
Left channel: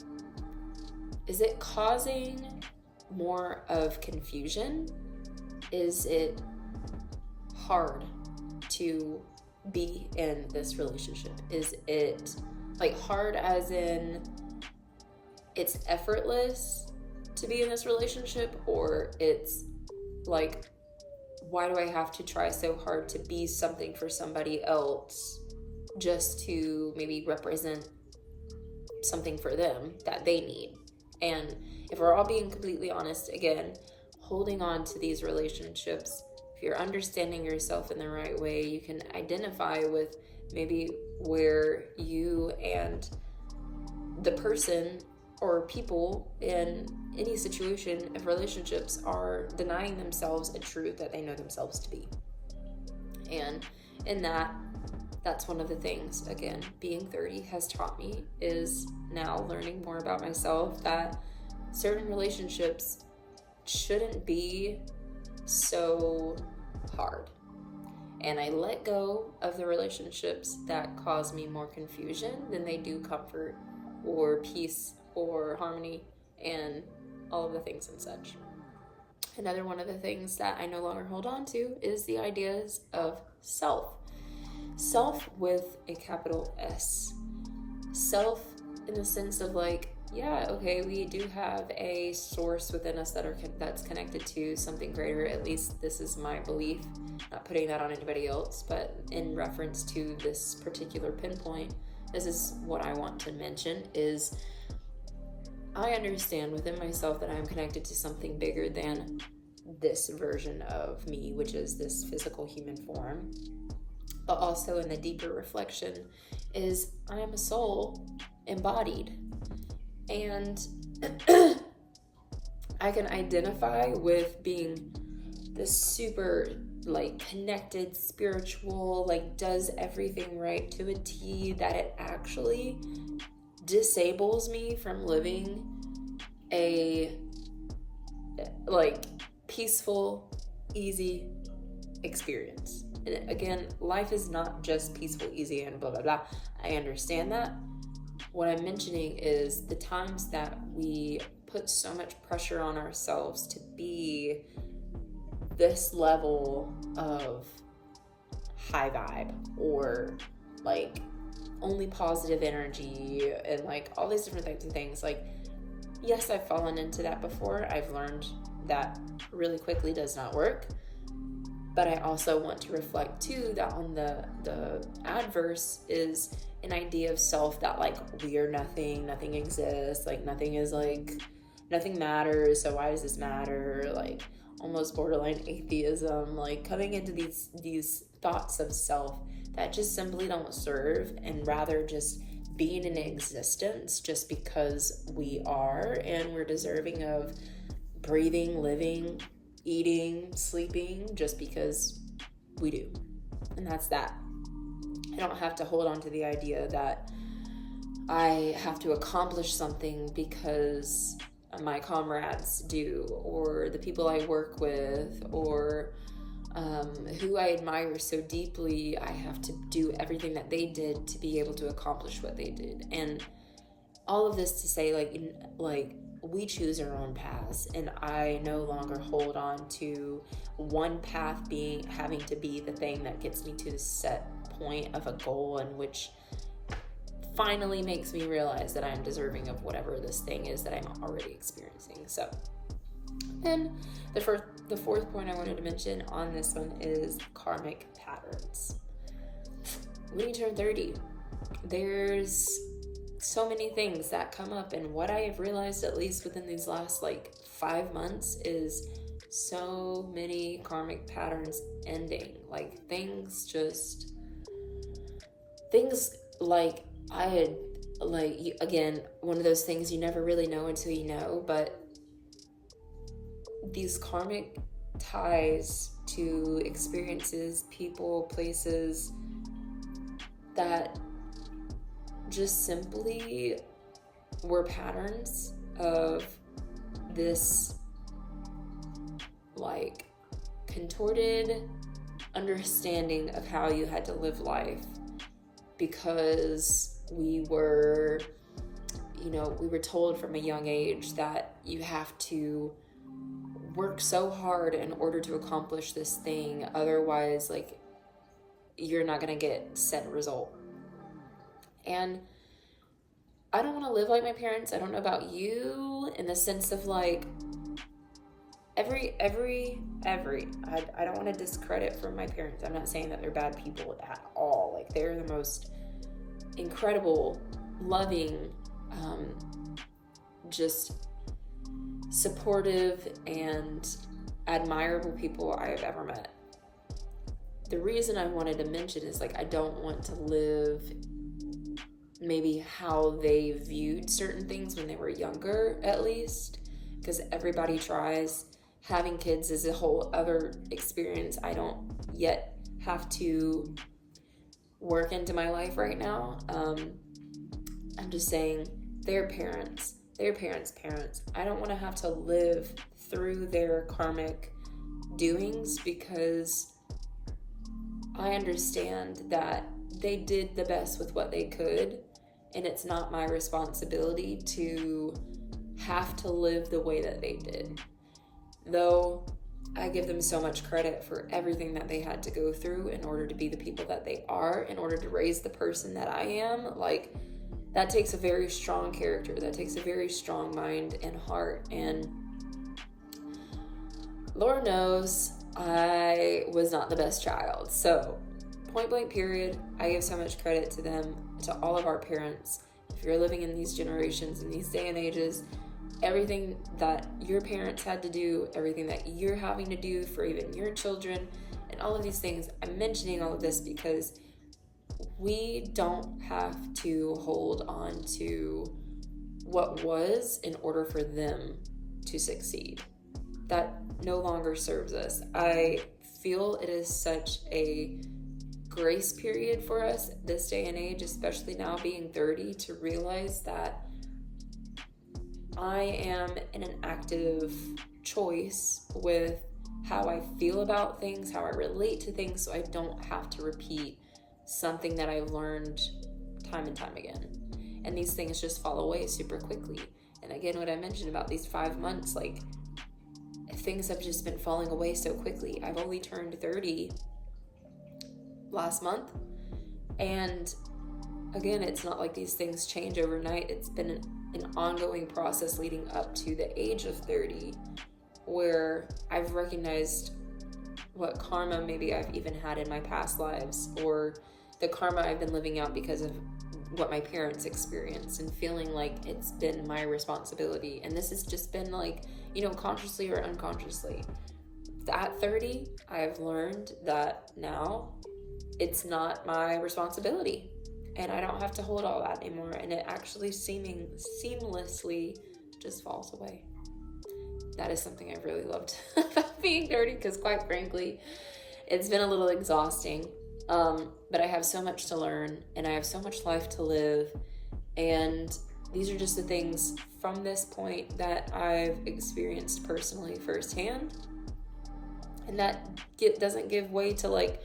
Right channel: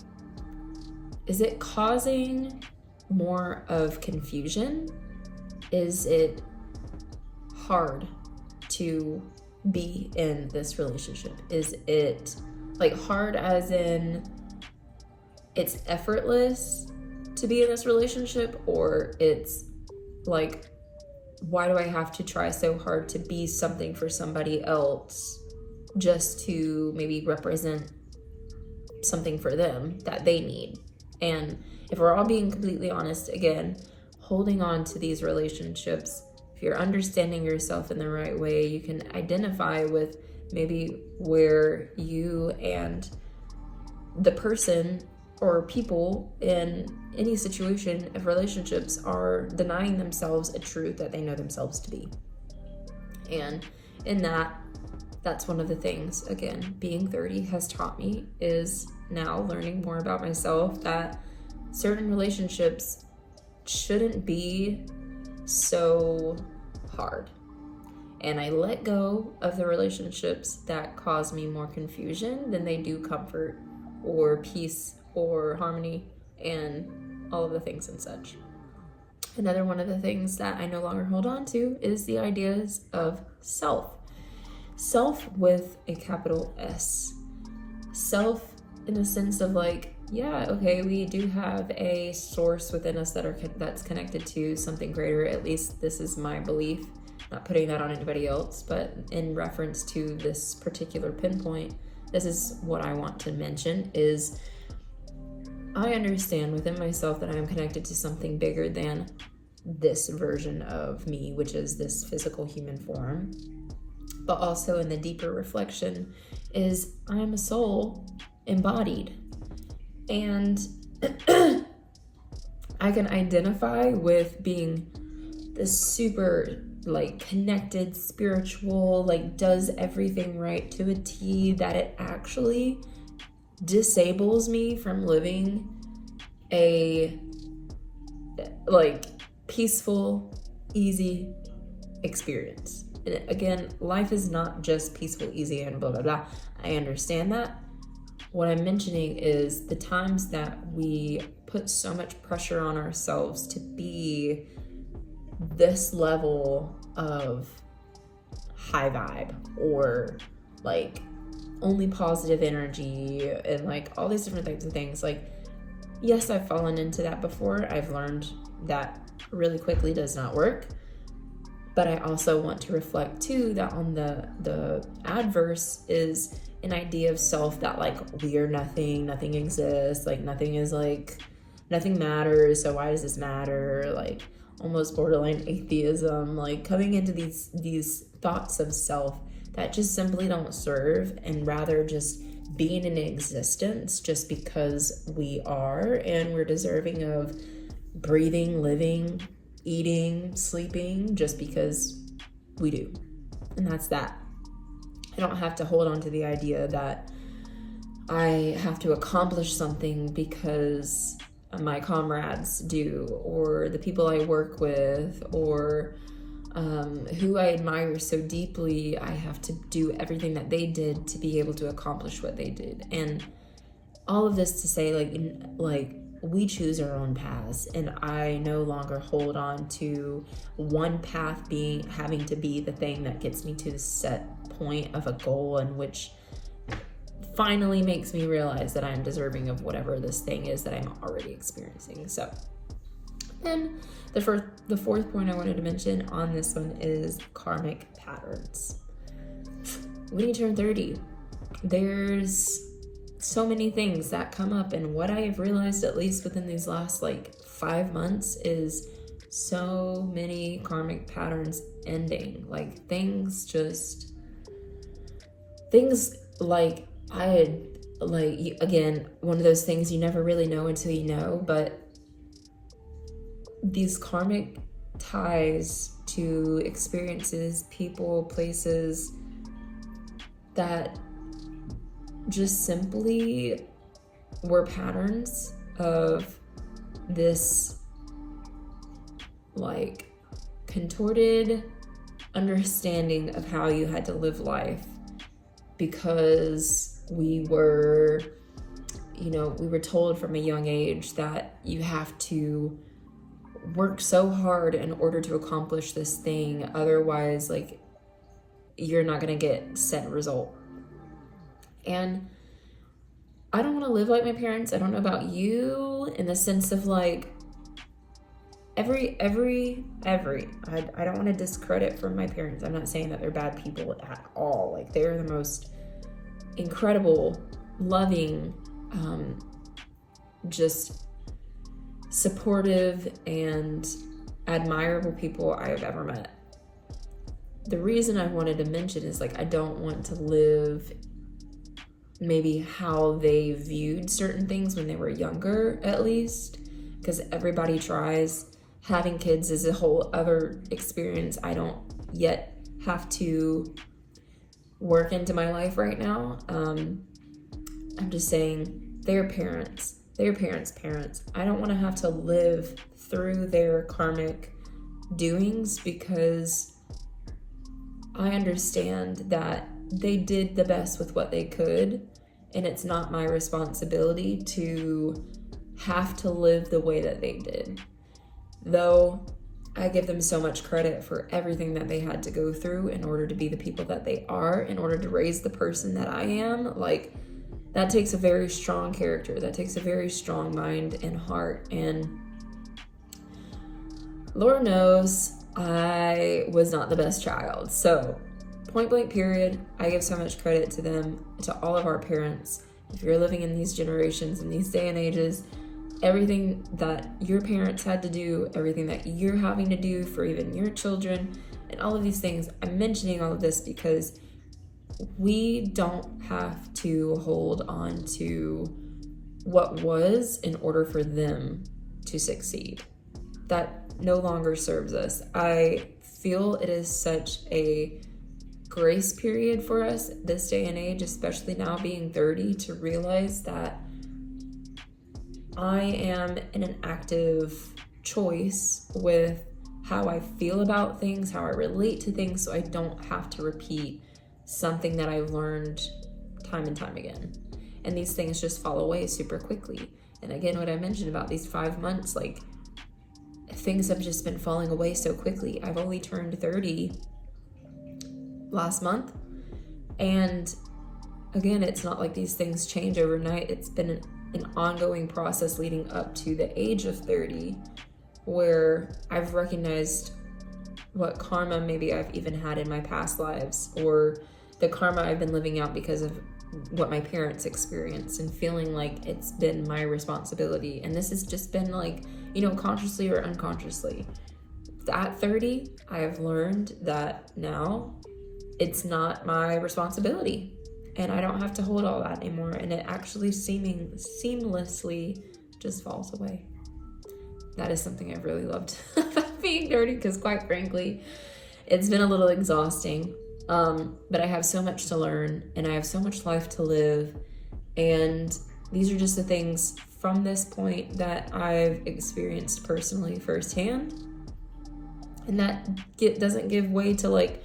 is it causing more of confusion? Is it hard to be in this relationship? Is it like hard as in it's effortless to be in this relationship, or it's like, why do I have to try so hard to be something for somebody else just to maybe represent something for them that they need? And if we're all being completely honest, again, holding on to these relationships, if you're understanding yourself in the right way, you can identify with maybe where you and the person or people in any situation of relationships are denying themselves a truth that they know themselves to be. And in that's one of the things, again, being 30 has taught me, is now learning more about myself, that certain relationships shouldn't be so hard. And I let go of the relationships that cause me more confusion than they do comfort or peace or harmony and all of the things and such. Another one of the things that I no longer hold on to is the ideas of self. Self with a capital S. Self in the sense of like, yeah, okay, we do have a source within us that's connected to something greater. At least this is my belief. Not putting that on anybody else, but in reference to this particular pinpoint, this is what I want to mention is I understand within myself that I am connected to something bigger than this version of me, which is this physical human form. But also in the deeper reflection is I am a soul embodied. And I can identify with being this super like connected, spiritual, like does everything right to a T, that it actually disables me from living a like peaceful, easy experience. And again, life is not just peaceful, easy, and blah blah blah. I understand that. What I'm mentioning is the times that we put so much pressure on ourselves to be this level of high vibe, or like only positive energy, and like all these different types of things. Like, yes, I've fallen into that before. I've learned that really quickly does not work. But I also want to reflect too that on the adverse is an idea of self that like we're nothing exists, like nothing matters, so why does this matter? Like almost borderline atheism, like coming into these thoughts of self that just simply don't serve, and rather just being in existence just because we are, and we're deserving of breathing, living, eating, sleeping just because we do. And that's that. I don't have to hold on to the idea that I have to accomplish something because my comrades do, or the people I work with, or who I admire so deeply. I have to do everything that they did to be able to accomplish what they did. And all of this to say, like we choose our own paths, and I no longer hold on to one path having to be the thing that gets me to the set point of a goal, in which finally makes me realize that I'm deserving of whatever this thing is that I'm already experiencing. So then the fourth point I wanted to mention on this one is karmic patterns. When you turn 30, there's so many things that come up, and what I have realized, at least within these last like 5 months, is so many karmic patterns ending. Like things like I had, like, again, one of those things you never really know until you know, but these karmic ties to experiences, people, places that just simply were patterns of this like contorted understanding of how you had to live life, because we were told from a young age that you have to work so hard in order to accomplish this thing, otherwise like you're not gonna get set result. And I don't want to live like my parents. I don't know about you, in the sense of like I don't want to discredit from my parents. I'm not saying that they're bad people at all. Like they're the most incredible, loving, just supportive and admirable people I have ever met. The reason I wanted to mention is like I don't want to live maybe how they viewed certain things when they were younger, at least, because everybody tries. Having kids is a whole other experience I don't yet have to work into my life right now. I'm just saying, they're parents. I don't want to have to live through their karmic doings, because I understand that they did the best with what they could, and it's not my responsibility to have to live the way that they did. Though I give them so much credit for everything that they had to go through in order to be the people that they are, in order to raise the person that I am. Like, that takes a very strong character, that takes a very strong mind and heart, and Lord knows I was not the best child. So point blank period, I give so much credit to them, to all of our parents. If you're living in these generations, in these day and ages, everything that your parents had to do, everything that you're having to do for even your children, and all of these things. I'm mentioning all of this because we don't have to hold on to what was in order for them to succeed. That no longer serves us. I feel it is such a grace period for us this day and age, especially now being 30, to realize that I am in an active choice with how I feel about things, how I relate to things, so I don't have to repeat something that I learned time and time again. And these things just fall away super quickly. And again, what I mentioned about these 5 months, like, things have just been falling away so quickly. I've only turned 30 last month. And again, it's not like these things change overnight. It's been an ongoing process leading up to the age of 30 where I've recognized what karma maybe I've even had in my past lives, or the karma I've been living out because of what my parents experienced, and feeling like it's been my responsibility. And this has just been like, you know, consciously or unconsciously. At 30, I have learned that now it's not my responsibility, and I don't have to hold all that anymore. And it actually seamlessly just falls away. That is something I've really loved about being 30, because quite frankly, it's been a little exhausting. But I have so much to learn, and I have so much life to live. And these are just the things from this point that I've experienced personally firsthand. And that doesn't give way to like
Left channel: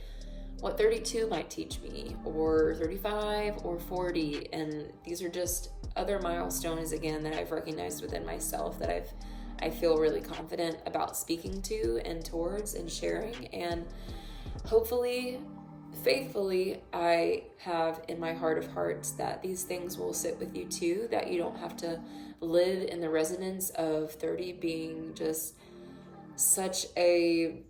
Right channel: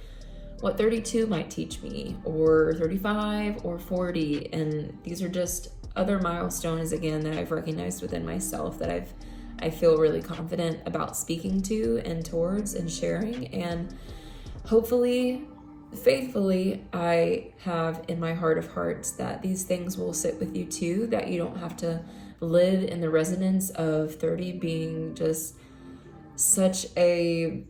what 32 might teach me, or 35 or 40. And these are just other milestones, again, that I've recognized within myself that I feel really confident about speaking to and towards and sharing. And hopefully, faithfully, I have in my heart of hearts that these things will sit with you too, that you don't have to live in the resonance of 30 being just such a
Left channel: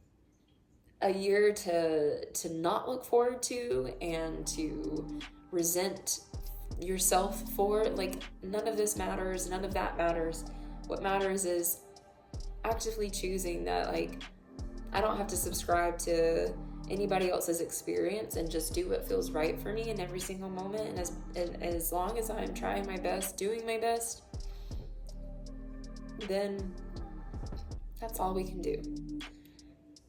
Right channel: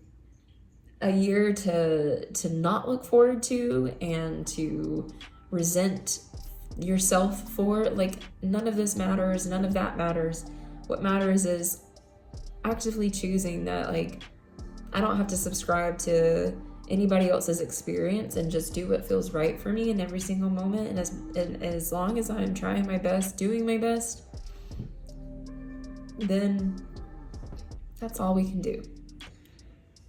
year to not look forward to and to resent yourself for. Like, none of this matters, none of that matters. What matters is actively choosing that, like, I don't have to subscribe to anybody else's experience, and just do what feels right for me in every single moment. And as long as I'm trying my best, doing my best, then that's all we can do.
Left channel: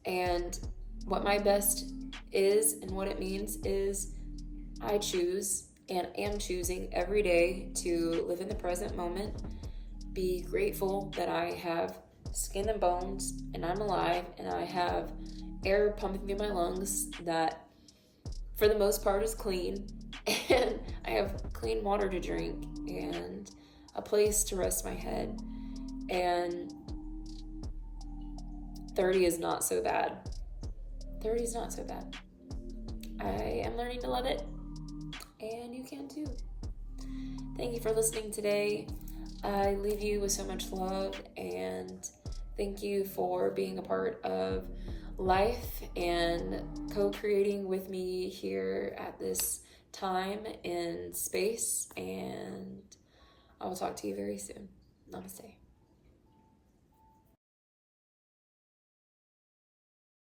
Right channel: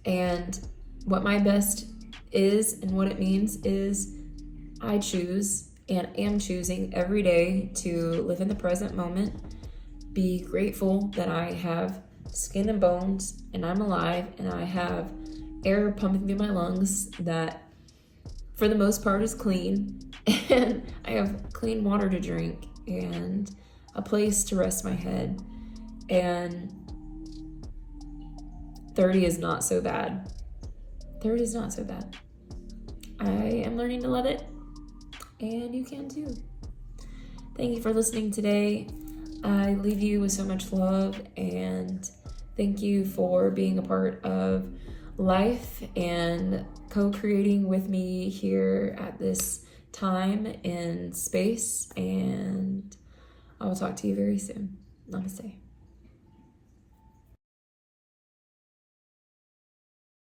And what my best is and what it means is I choose and am choosing every day to live in the present moment, be grateful that I have skin and bones and I'm alive, and I have air pumping through my lungs that for the most part is clean, and I have clean water to drink and a place to rest my head. And 30 is not so bad. 30 is not so bad. I am learning to love it, and you can too. Thank you for listening today. I leave you with so much love, and thank you for being a part of life and co-creating with me here at this time and space. And I will talk to you very soon. Namaste.